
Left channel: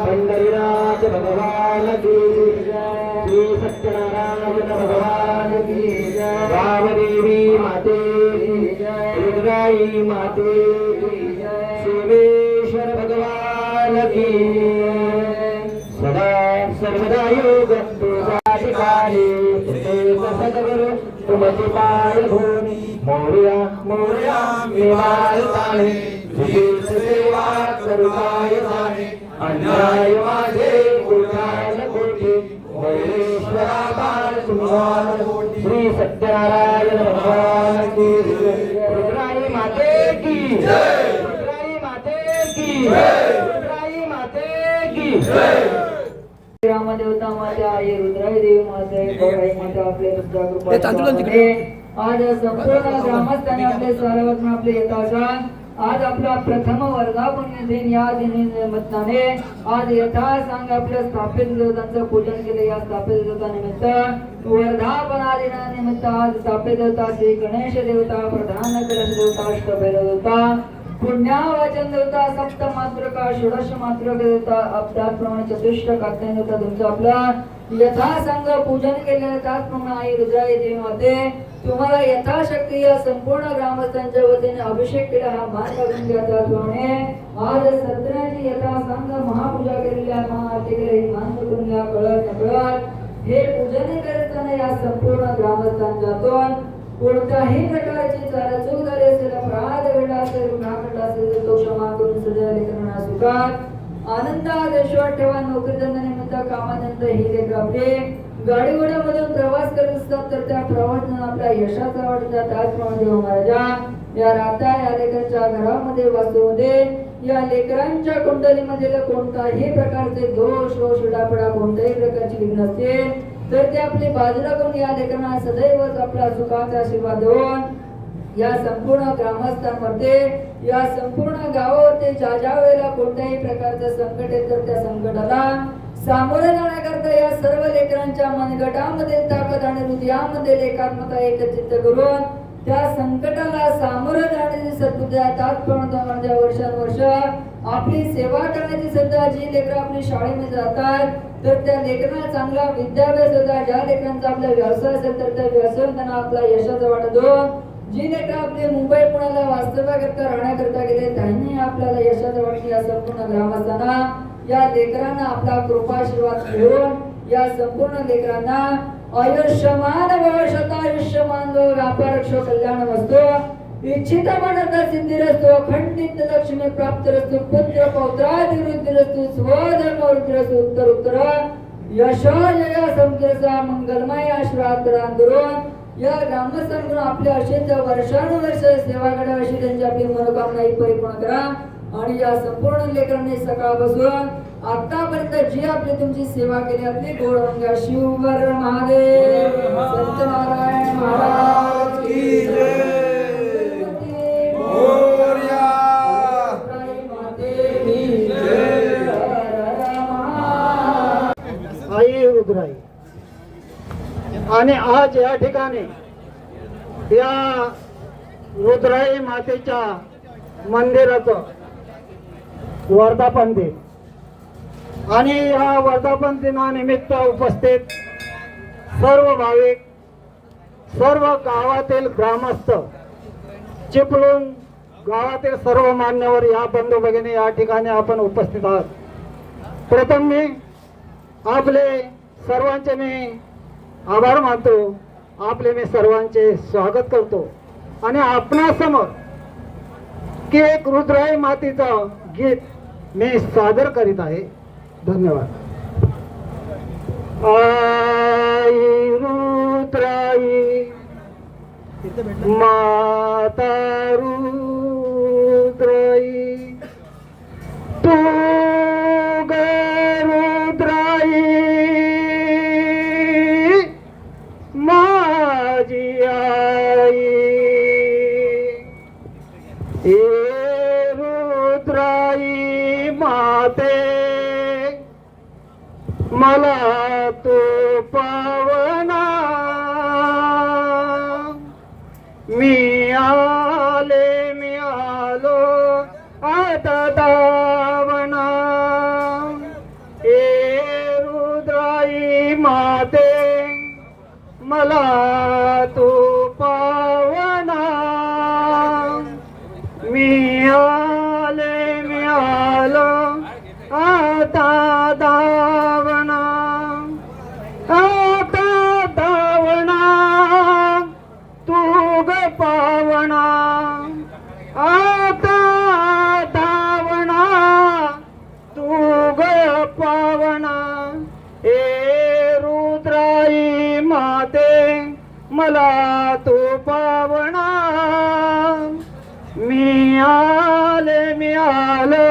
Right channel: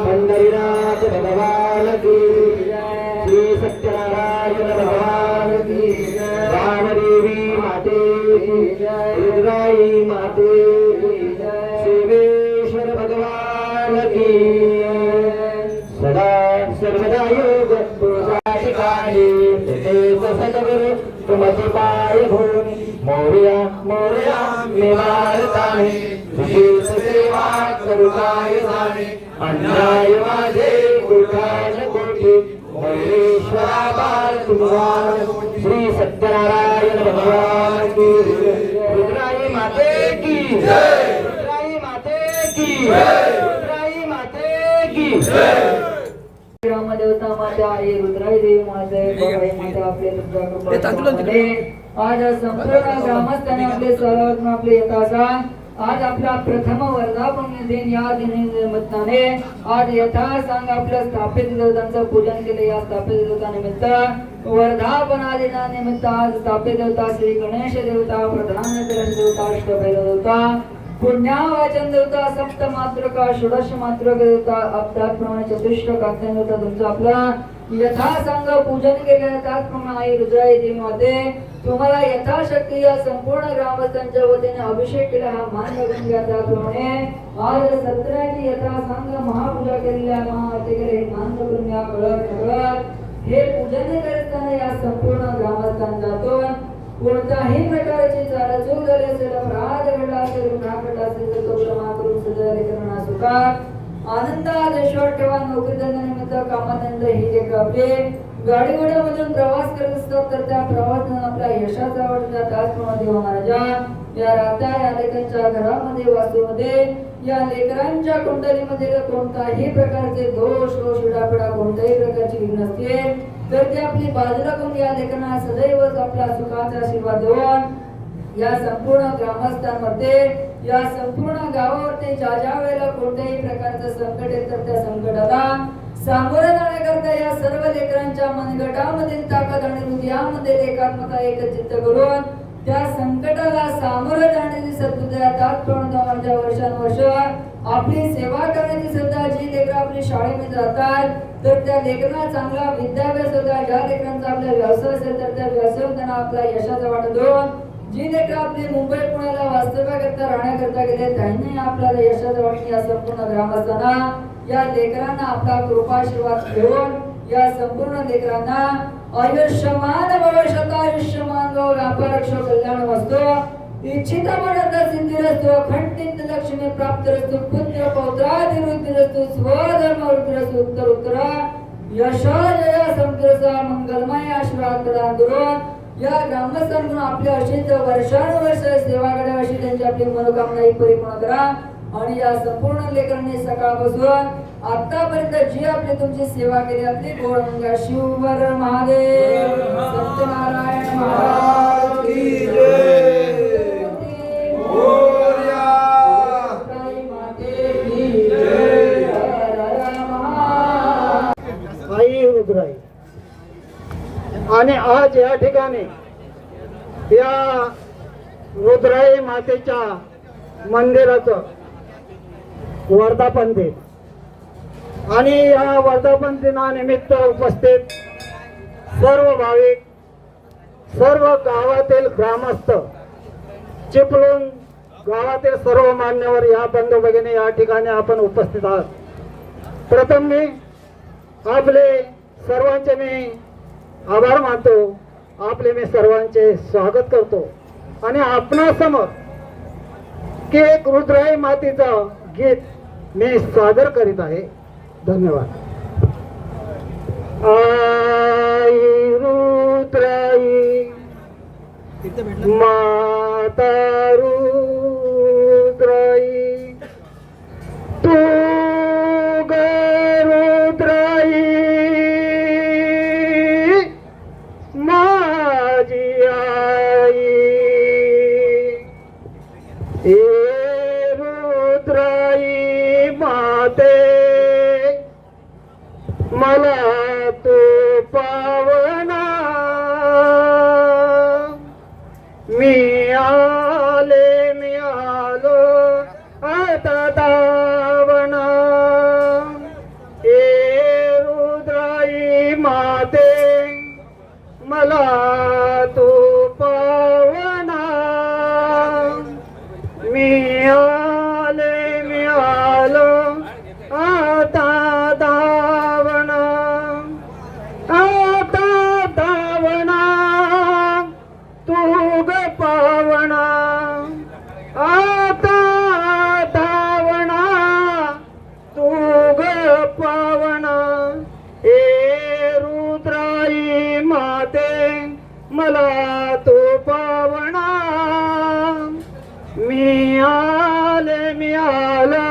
पंढरीनाथ भगवान की श्री सत्यनारायण भगवान की रामदेवी माते रुद्राई माते शिवेश्वर भगवान की सदा सर्वदा योग ठिकाणी सद्गुरु तुमचे पाय भूमी मोरया मोरया निवारताने तुझी सेवा करुणाय जाणे अन्याय माझे कुठान कोटी महेश्वरा बाळ तुम्हाला श्री सत्यनारायण भगवान की रुद्राई माते की जय रुद्राई माते की जय रुद्राई माते की जय रामदेवता माता आई रुद्राई देवी माता बघाई माता आपले तुमच्या कृपा आज संपूर्ण ग्रामस्थांनी आपले सर्वज्ञ आपले यथाचा आज आपला प्रथम वर्धापन दिन या निमित्ताने आज यथासांग आपल्या स्थापित देवतांचं पूजन केले या स्थापित देवतानिमित्त वर्धापना दिनानिमित्त आज स्थापित देवता श्री गणेश देवता प्रधान कलश देवता अष्टभैरव देवता पुण्यावाचन देवता सप्त मातृका षोडश मातृका देवता त्याचप्रमाणे चतुष्ट कात्यायन देवता तुमचं आपल्या यथासांग पूजन केलेलं त्याचप्रमाणे आई रुद्राई देवी माते तुम्हाला यथाशक्ती या संपूर्ण ग्रामस्थांच्या वतीने अभिषेक केला हा मान करून घ्या त्याप्रमाणे आज सत्रांनी यथासांग महापूजा केलेली आहे महाआरती केली मान करून घ्या कळत नकळत हे पूजन करताना या संपूर्ण ग्रामस्थांच्यातून कोणत्याही प्रकारची चालचूक झाली असेल अपराध घडला असेल गुन्हा घडला असेल तर तो क्षमा करून सदैव लेकरांना सुखात आनंदात ऐश्वर ठेवा नोकरी धंद्यानिमित्त कामानिमित्त ही लेकरावली गाडी घोड्यामधून प्रवास करत असतात तर त्या प्रवासातून आपल्या यशाचा वाटतात त्याचप्रमाणे देव महाराजा या राता या लेकरांच्या घरामध्ये वास्तूमध्ये या लेकरांच्या कुंडलीमध्ये कोणताही प्रकारचे दोष व शिडापडा कोणत्याही प्रकारची विघ्न असतील तर ते आपली बाजूला करून या लेकरांना सदैव आपला सुखाचा आशीर्वाद देऊन या संपूर्ण ग्रामस्थांमध्ये या संपूर्ण गावावरती ज्या वेळेला कोणत्याही प्रकारचं संकट येत तर त्या संकटाला सामोरं जाण्याकरता या सर्व लेकरांच्या मनगटामध्ये ताकद आणि हृदयामध्ये एकात्मता एकचित्त करून त्या संकटाला सामोरं जाण्याची सद्बुद्धी तात्पर्य वर्षानुवर्ष आपली सेवा करण्याची सध्या जी लेकरं आपली शाळेमध्ये जातात तर त्या लेकरांना चांगला विद्याभ्यास होता ज्या लेकरांचा आपला व्यवसाय असेल तर त्या व्यवसायात त्यांना आपल्या यशाचा वाटा देऊन जी लेकरं आपले मुंबई पुण्याला वास्तव्याकरता राहण्याकरता गेले त्यांनी आपल्याला यशाचं वाटणे या संपूर्ण ग्रामस्थांना या लेकरांना आपला कृपाशीर्वाद घेऊन या संपूर्ण लेकरांना आयुष्यमान भविष्यात आयुष्यमान लोक आपल्या रक्ष कल्याण वस्तू इच्छित मनता सिद्धिरस्तो खंडित लक्ष्मी प्राप्त रस्तु पुत्र पौत्रादिवृद्धिरस्तु स्वधर्म वृद्धिरस्तु उत्तर उत्तर यशोजय समजसा मंगलमय आशीर्वाद प्रदान करून या ग्रामस्थांकडून आपल्या अशीच वर्षानुवर्ष सेवा करावी अशी त्यांची आपली मनोकामना परिपूर्ण करा आणि या संपूर्ण लेकरांनी सकाळपासून आतापर्यंत जी आपली तुमची सेवा केली आपली गौरवंगा शिववर महादेव सत्यनारायण महाराज की जय मोरया माते की जय आई रुद्राई आणि आज या ठिकाणी या रुद्राई मातेच्या मंदिराचं वर्धापन दिन आणि या वर्धापन दिनानिमित्त उपस्थित सर्व भाविक सर्व गावातील ग्रामस्थ चिपळूण गावातील सर्व मान्यवर या बंधू भगिनी या ठिकाणी आपण उपस्थित आहात। प्रथम मी आपले सर्वांचे मी आभार मानतो, आपले मी सर्वांचे स्वागत करतो आणि आपणासमोर की एक रुद्राई मातेचं गीत मी सादर करीत आहे। धन्यवाद। आई रुद्राई माता रुद्राई तू ग रुद्राई माझी आई हे रुद्राई माते मला तू पावना मी आलो आता दावना हे रुद्राई माते मला तू पावना मी आलो आता दावना तू ग पावना आता दावना तू ग पावना हे रुद्राई माते मला तू पावना मी आलो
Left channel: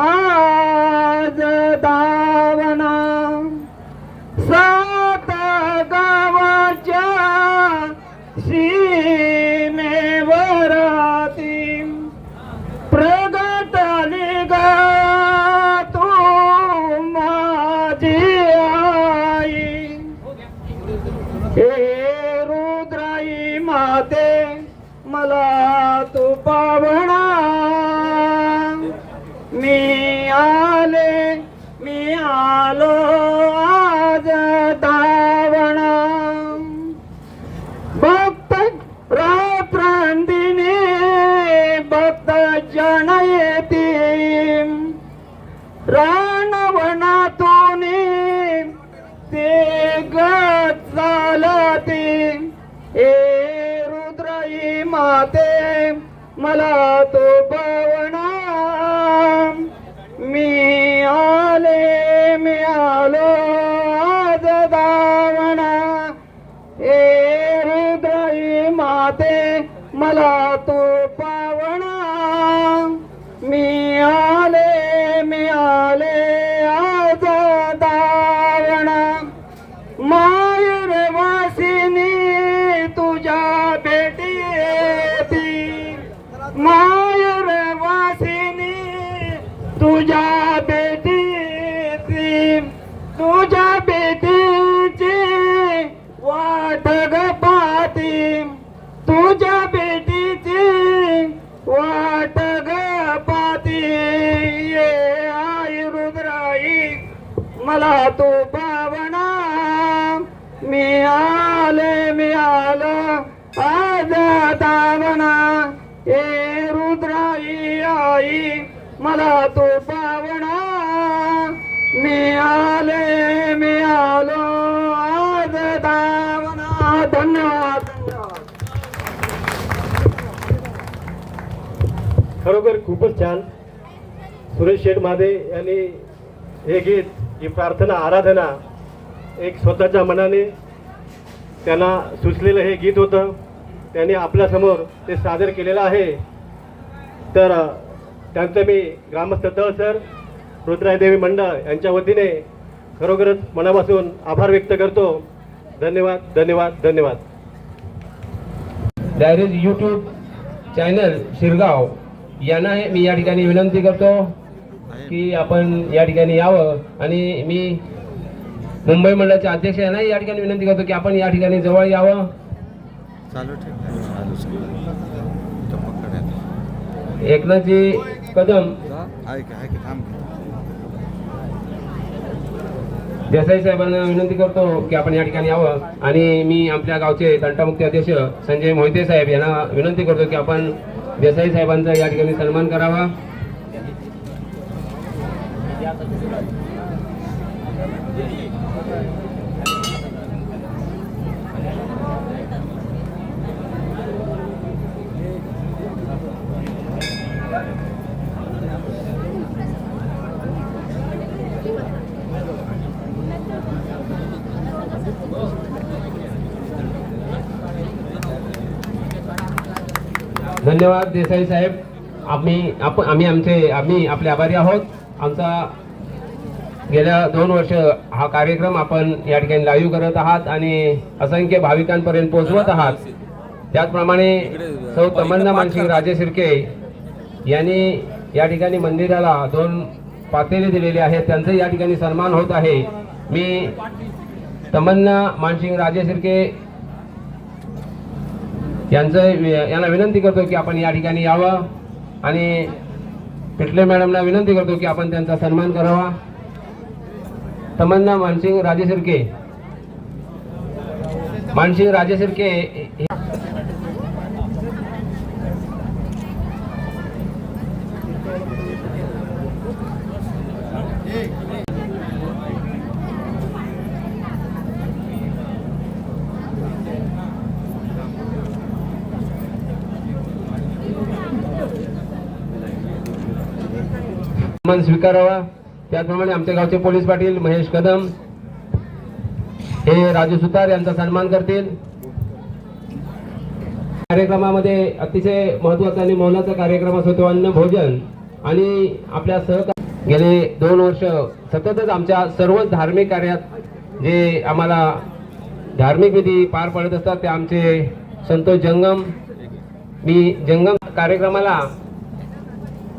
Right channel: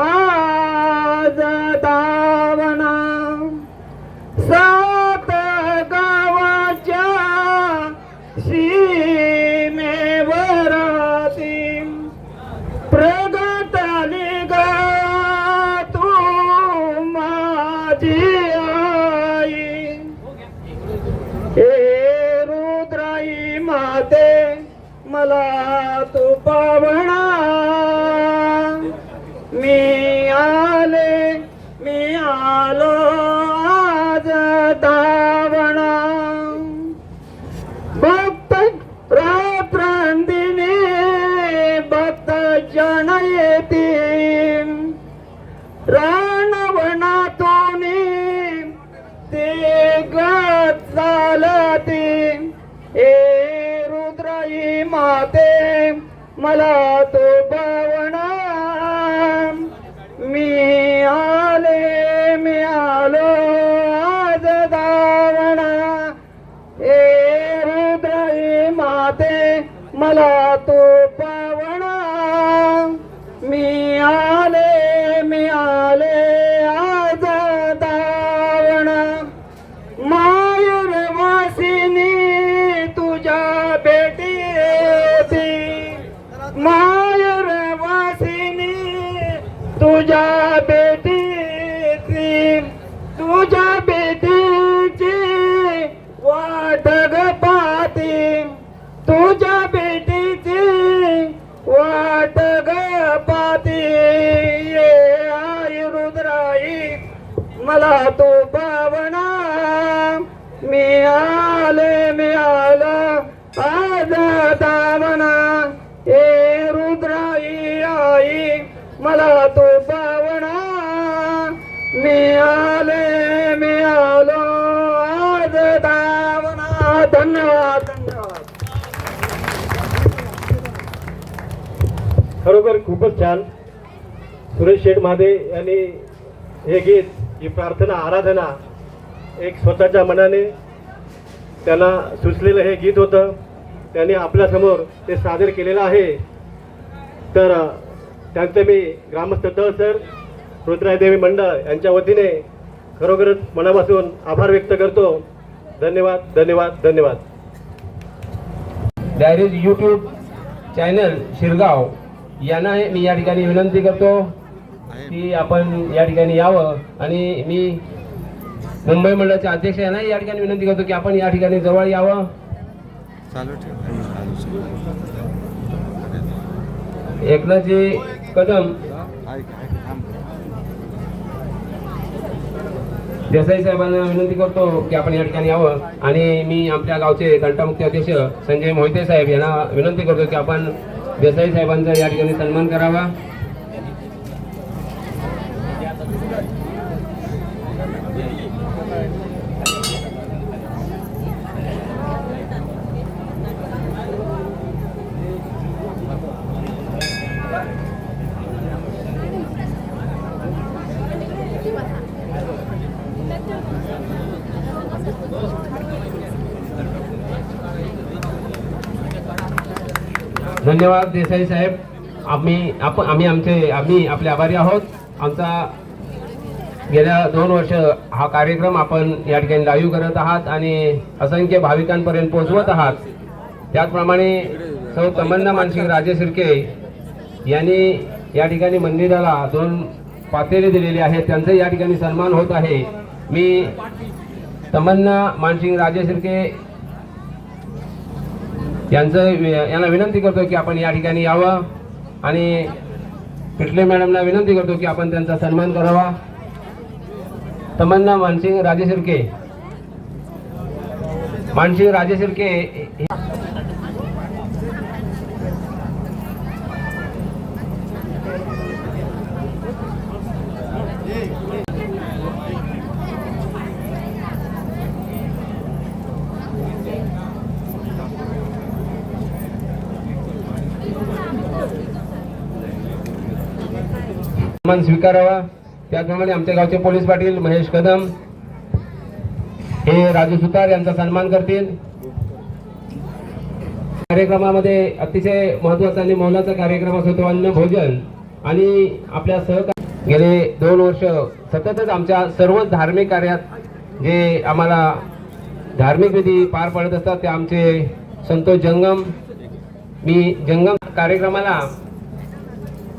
आज दावना सात गावाच्या सीमेवराती प्रगटली ग तू माझी आई हे रुद्राई माते मला तू पावना मी आलो आज दावना भक्त रात्रांदिने भक्त जन येतील रानवनातून ते गत चालती हे रुद्राई माते मला तो पावना मी आलो आज दावना हे रुद्राई माते मला तो पावना मी आले आज दावना मायर वासिनी तुझ्या भेटी येती मायर वासिनी तुझ्या भेटी येती तुझ्या भेटीची वाट ग पाहती तुझ्या भेटीची धन्यवाद धन्यवाद. खरोखर खूपच छान. सुरेश शेठ महादे यांनी हे गीत, ही प्रार्थना आराधना एक स्वतःच्या मनाने त्यांना सुचलेलं हे गीत होतं. त्यांनी आपल्यासमोर ते सादर केलेलं आहे. तर त्यांचं मी ग्रामस्थ तळसर रुद्रादेवी मंडळ यांच्या वतीने खरोखरच मनापासून आभार व्यक्त करतो. धन्यवाद धन्यवाद धन्यवाद. डायरेक्ट यूट्यूब चॅनल शिरगाव यांना मी या ठिकाणी विनंती करतो की आपण या ठिकाणी यावं, आणि मी मुंबई मंडळाचे अध्यक्ष यांना या ठिकाणी विनंती करतो की आपण या ठिकाणी जवळ यावं. चालू ठेव. एकनाथजी कदम देसाई साहेबांना विनंती करतो की आपण या ठिकाणी यावं, आणि मी आपल्या गावचे तंटामुक्ती अध्यक्ष संजय मोहिते साहेब यांना विनंती करतो की आपण देसाई साहेबांचा या ठिकाणी सन्मान करावा. धन्यवाद देसाई साहेब. आम्ही आपले आभारी आहोत. आमचा गेल्या 2 वर्ष हा कार्यक्रम आपण या ठिकाणी लाईव्ह करत आहात आणि असंख्य भाविकांपर्यंत पोहोचवत आहात. त्याचप्रमाणे सौ तमन्ना मानसिंग राजे शिर्के यांनी या ठिकाणी मंदिराला 2 पातेले दिलेले आहेत. त्यांचा या ठिकाणी सन्मान होत आहे. मी तमन्ना मानसिंग राजे शिर्के यांना विनंती करतो की आपण या ठिकाणी यावं, आणि पिटले मॅडमना विनंती करतो की आपण त्यांचा सन्मान करावा. तमन्ना मानसिंग राजे शिर्के सन्मान स्वीकारावा. त्याचप्रमाणे आमच्या गावचे पोलीस पाटील महेश कदम हे राजू सुतार यांचा सन्मान करतील. कार्यक्रमामध्ये अतिशय महत्वाचा आणि मौलाचा कार्यक्रम असतो अन्न भोजन, आणि आपल्या सहकारी गेले 2 वर्ष सततच आमच्या सर्व धार्मिक कार्यात जे आम्हाला धार्मिक विधी पार पडत असतात ते आमचे संतोष जंगम. मी जंगम कार्यक्रमाला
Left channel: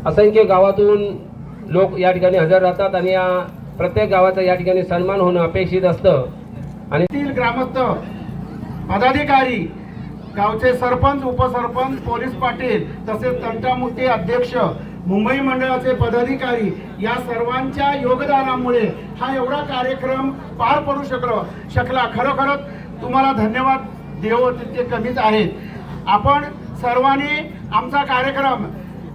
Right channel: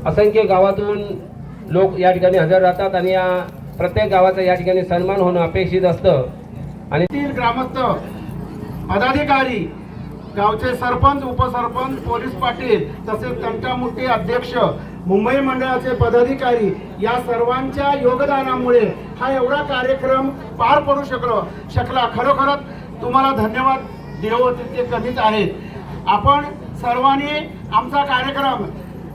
असंख्य गावातून लोक या ठिकाणी हजर राहतात, आणि या प्रत्येक गावाचा या ठिकाणी सन्मान होणं अपेक्षित असतं. आणि ग्रामस्थ पदाधिकारी, गावचे सरपंच, उपसरपंच, पोलीस पाटील, तसेच तंटामुक्ती अध्यक्ष, मुंबई मंडळाचे पदाधिकारी या सर्वांच्या योगदानामुळे हा एवढा कार्यक्रम पार पडू शकला. खरोखरच तुम्हाला धन्यवाद देव तितके कमीच आहेत. आपण सर्वांनी आमचा कार्यक्रम,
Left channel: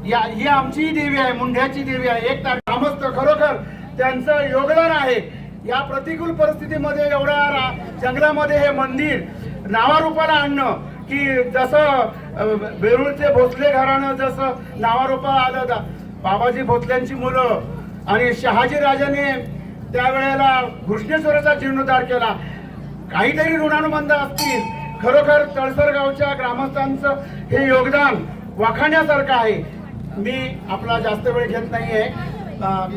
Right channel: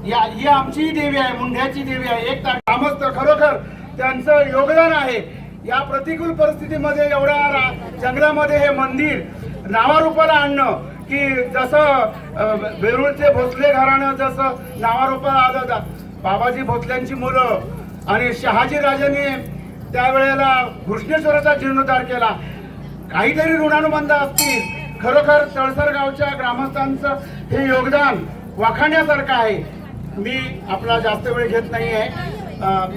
ही आमची देवी आहे, मुंढ्याची देवी आहे, एक ग्रामस्थ खरोखर त्यांचं योगदान आहे. या प्रतिकूल परिस्थितीमध्ये एवढ्या जंगलामध्ये हे मंदिर नावारूपाला आणणं, की जसं वेरूळचे भोसले घराणं जसं नावारूपाला आलं, बाबाजी भोसल्यांची मुलं आणि शहाजी राजाने त्यावेळेला घृष्णेश्वराचा जीर्णोद्धार केला. काहीतरी ऋणानुबंध असतील. खरोखर तळसर गावच्या ग्रामस्थांचं हे योगदान वाखाणण्यासारखं आहे. मी आपला जास्त वेळ घेत नाहीये.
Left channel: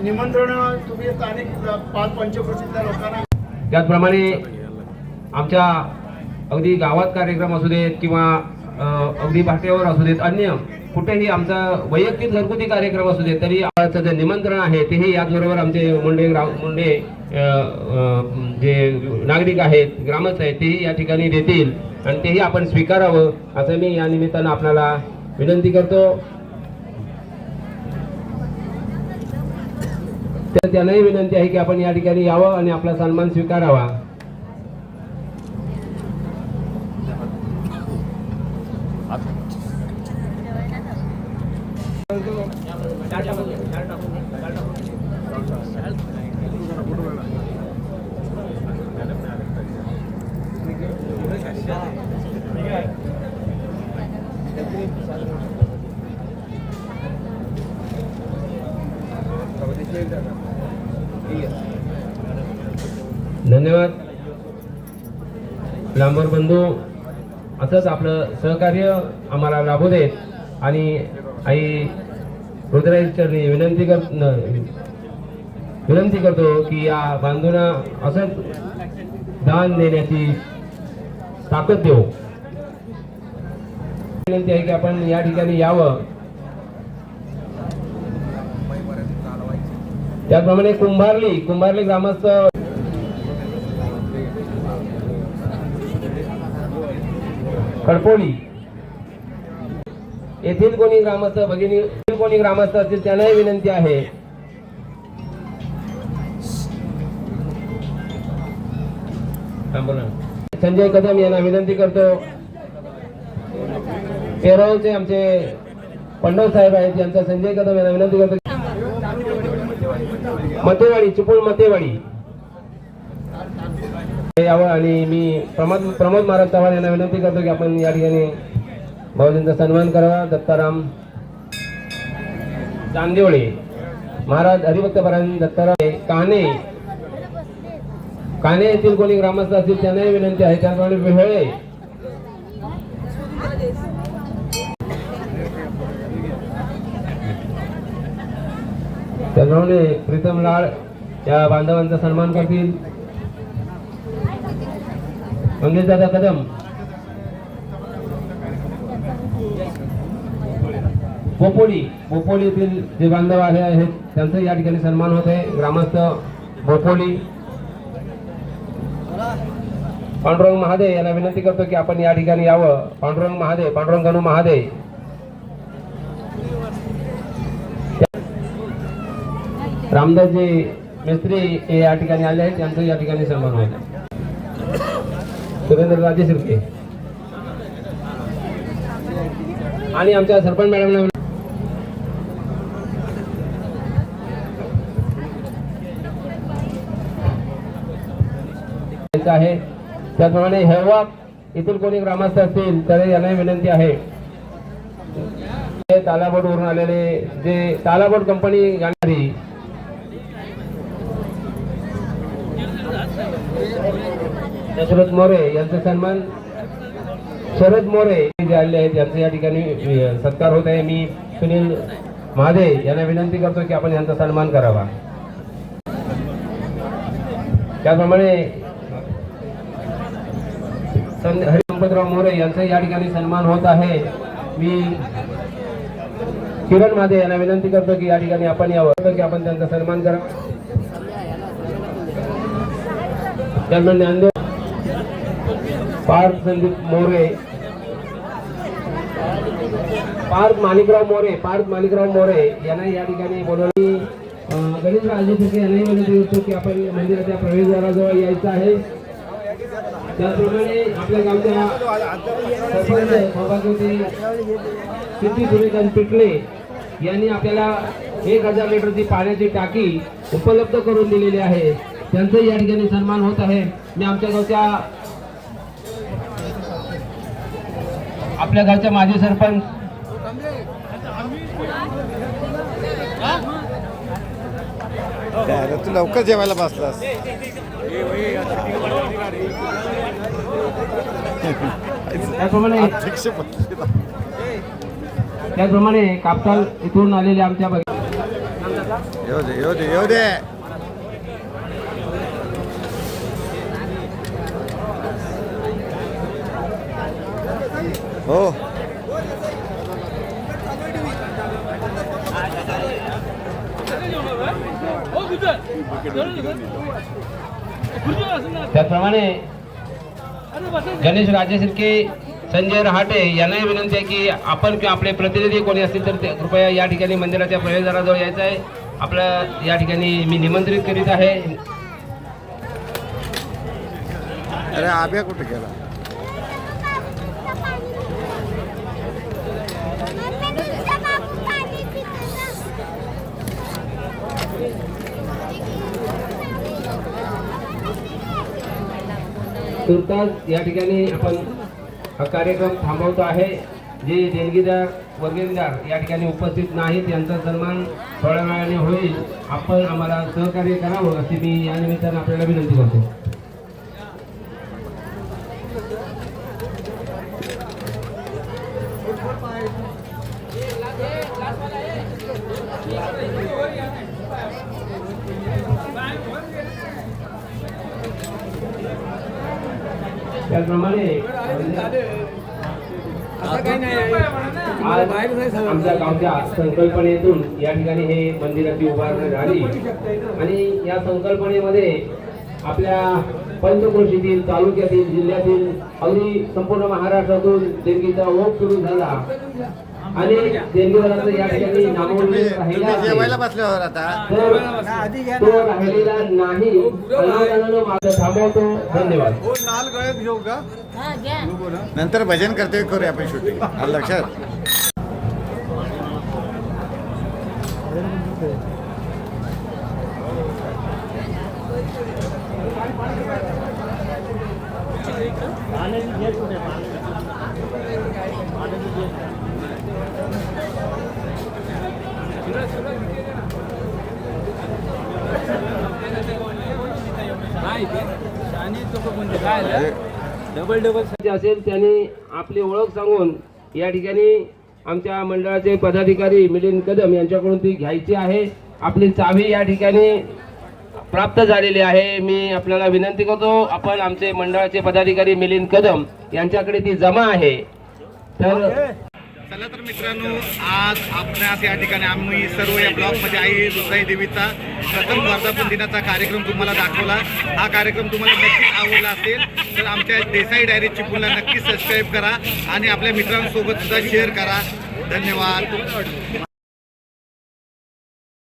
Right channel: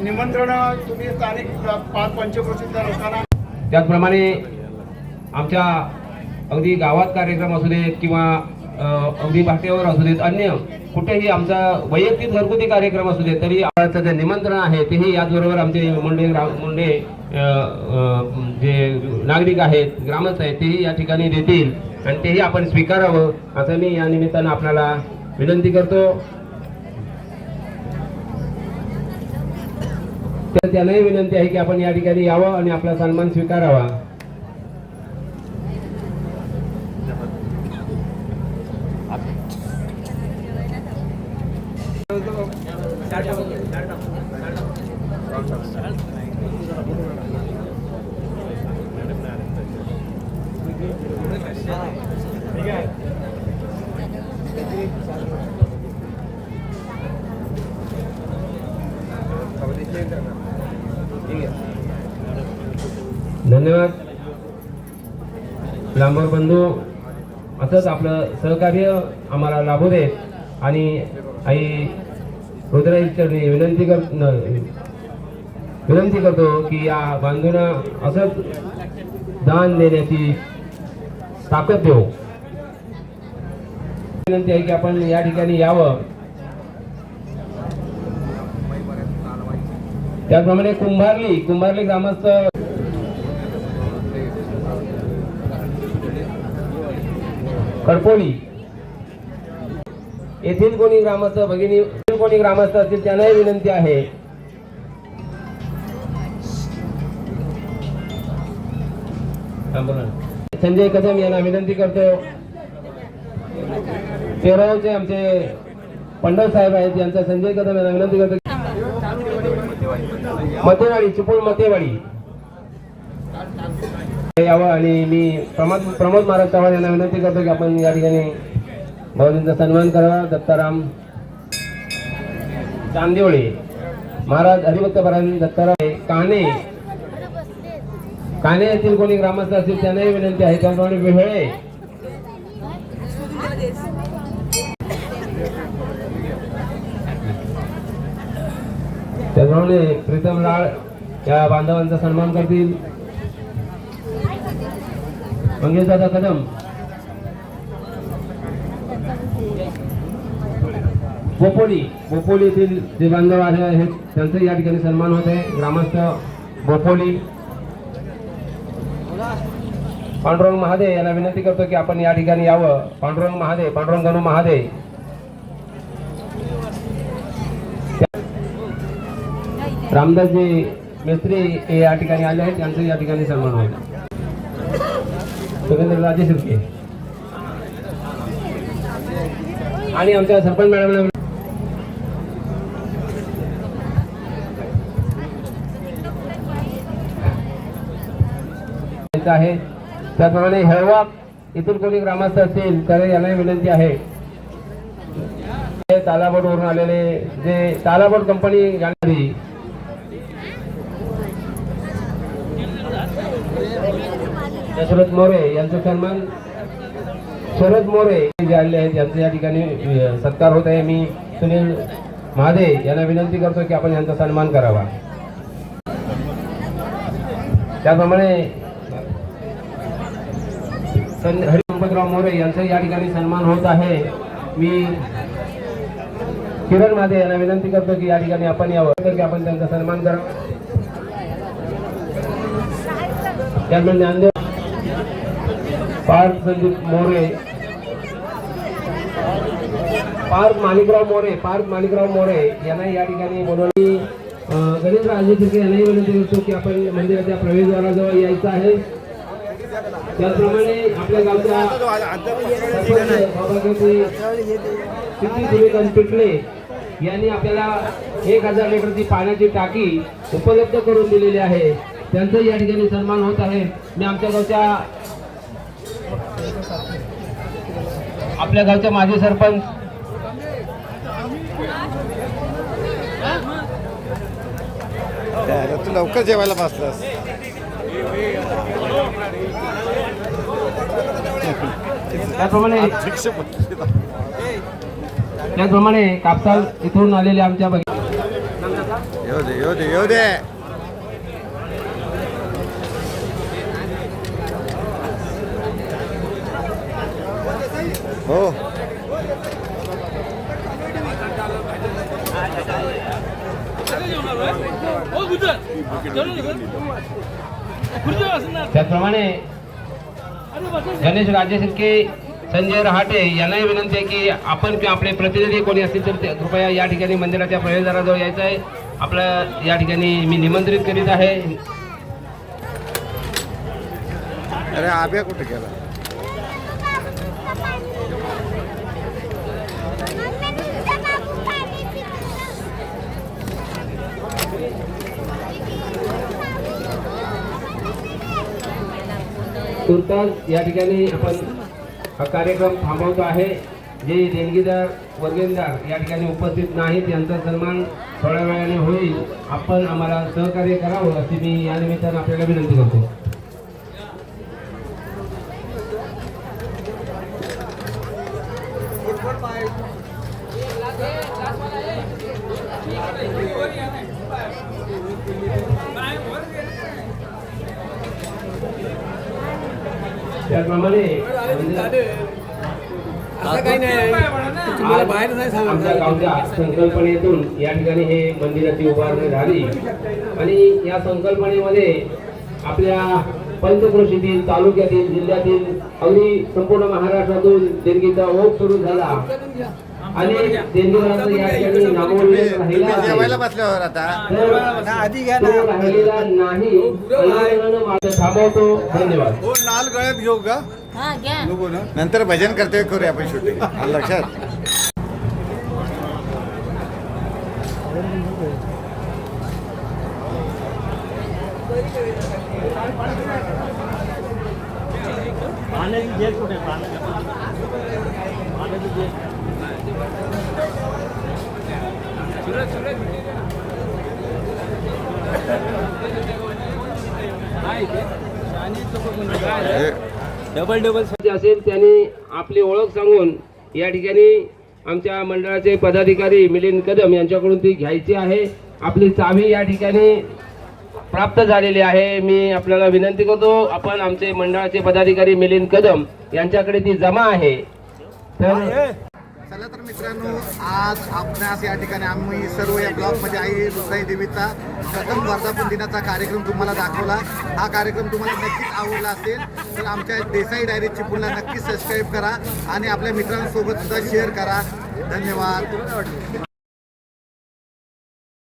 निमंत्रण तुम्ही स्थानिक 5 पंचक्रोशीतल्या लोकांना. त्याचप्रमाणे आमच्या अगदी गावात कार्यक्रम असू देत किंवा अगदी भाट्यावर असू देत, अन्य कुठेही आमचा वैयक्तिक घरगुती कार्यक्रम असू देत, तरी जे निमंत्रण आहे तेही याचबरोबर आमचे मुंडे जे नागरिक आहेत, ग्रामस्थ आहेत, तेही या ठिकाणी देतील, आणि तेही आपण स्वीकारावं असं मी या निमित्तानं आपल्याला विनंती करतो. तर त्यांनाही विनंती आहे की आपण या ठिकाणी यावं आणि आपला सन्मान स्वीकारावा. धन्यवाद. लांबर बंधू असंच आपलं सहकार्य आम्हाला लाभू देत आणि आई रुद्राईचरणी विनंती करतो की या बांधूंना असंच दान देण्याची ताकद देऊ. विनंती आहे की आपण या ठिकाणी यावं. त्याचप्रमाणे कुंभारली ग्रामस्थ कडपोली येथील कोणी ग्रामस्थ भगिनी कोणी ग्रामस्थ असतील त्यांनाही विनंती आहे. संजय कदम यांना विनंती करतो. पेरावचे आमचे पंडव साहेब आहेत, यांचा संजय कदम यांना विनंती करतो. मतेवाडी चिपळूण मतेवाडी यावं. आणि मी प्रमोद महाराज चव्हाण यांना विनंती करतो की आपण या ठिकाणी भाऊजींचा सन्मान करावा. दत्ताराम चांदिवळे महाराज हरिभक्त परायण दत्ताराम काने येथील कोणी ग्रामस्थ असतील त्यांनाही विनंती आहे. त्याप्रमाणे विहळे त्याप्रमाणे प्रीतम लाड या बांधवांचा सन्मान करतील. मंगेश दादा कदम बोपोली येथील जे बांधव आहेत त्यांचा या ठिकाणी सन्मान होत आहे. ग्रामस्थ बोपोली पांडुरंग महादे यांना विनंती करतो की आपण या ठिकाणी यावं. पांडुरंग गणू महादे रामदासजी मेस्त्री हे या ठिकाणी आले आहेत, त्यांचं या ठिकाणी सन्मान होत. सुरेंद्र राजे शिर्के आणि आमच्या सरपंच मॅडमला आहे. त्याप्रमाणे हेळवा इथून कोणी ग्रामस्थ असतील तर यांनाही विनंती आहे. तालाबोट वरून आलेले जे तालाबोट कंपनी जाणारी दशरथ मोरे यांचा सन्मान शरद मोरे जे आलेले आहेत यांचे या ठिकाणी सत्कार होत आहे. मी सुनील महादे यांना विनंती करतो की आपण यांचा सन्मान करावा. त्याप्रमाणे हरिसंपतराव मोरे यांचा या ठिकाणी सन्मान होत आहे. मी किरण महादे यांना विनंती करतो की या ठिकाणी आपण यावं की आपण त्यांचा सन्मान करावा. त्यामुळे ज्ञानदेव पार्थ संदीप मोरे पार्थ माणिकराव मोरे यांना या ठिकाणी बोलवली. गणेश राजे तुर्के यांनाही विनंती करतो की आपण मंदिराच्या प्रवेशद्वाराजवळ यायचं आहे. त्याचप्रमाणे आपल्या गावच्या किती सुरेखन पिटले यांनी आपल्याला 1000 लिटरची पाण्याची टाकी उपलब्ध करून दिलेली आहे. त्यांचा या ठिकाणी सन्मान होत आहे. मी आपल्या गावच्या माजी सरपंच तू लवकर जेवायला बसलास. त्याचप्रमाणे कापसाल इथून आलेले आमच्या येऊ दे हो. त्याप्रमाणे गणेश राजे शिर्के संजय रहाटे यांनाही विनंती आहे की आपण किंवा आपले प्रतिनिधी कोणी असतील तर कृपया या ठिकाणी मंदिराच्या प्रवेशद्वाराजवळ यायचं आहे. आपल्या या ठिकाणी मी निमंत्रित करीत आहे. अरे आब्या कुठे गेला? तुर्तास या ठिकाणी आपण हा कार्यक्रम थांबवतो आहे. जे देणगीदार वर्गणीदार या ठिकाणी उपस्थित नाहीत यांचा सन्मान थोड्या वेळाने होईल. आपण आम्हाला सहकार्य करावं अशी मी या निमित्तानं आपल्याला विनंती करतो. त्याप्रमाणे आमच्या गावच्या संकल्पनेतून या ठिकाणी हे मंदिराची उभारणी झाली आणि या संकल्पनेमध्ये आपल्या पंचक्रोशीतील, तालुक्यातील, जिल्ह्यातील, अगदी संपूर्ण महाराष्ट्रातून देणगीचा ओघ सुरू झाला आणि देणगीदाराचं या ठिकाणी नामोल्लेख राहिला तुम्ही आहे. जेवायला बसल्यावर आता तर तो राहिलेला नाही. कलाकारांना माझं थांबवतो. धन्यवाद. नाल गळ्यात घेऊ का हा घ्या. नंतर भजन करते करूया आपण शूटिंग. आलं लक्षात. डबल डबल जे असेल त्यांनी आपली ओळख सांगून या ठिकाणी आमच्या मंडळाचे पदाधिकारी मिलिंद कदम यांच्याकडून ती घ्यायची आहे. आपली चावी या ठिकाणी प्राप्त झालेली आहे. मी आपल्याला विनंती करतो, आपण आमचे मंडळाचे पदाधिकारी मिलिंद कदम यांच्याकडे ती जमा आहे. तर चला तर मित्रांनो, आज आपणास या ठिकाणी आम्ही सर्व या ब्लॉगमध्ये आई रुद्राई देवीचा प्रथम वर्धापन दिनाचा कार्यक्रम तुम्हाला दाखवला. हा कार्यक्रम तुम्हाला नक्कीच आवडला असेल तर आमच्या देसाई डायरी चिपळूणला नक्कीच सबस्क्राईब करा आणि आपल्या मित्रांसोबत सुद्धा शेअर करा. धन्यवाद.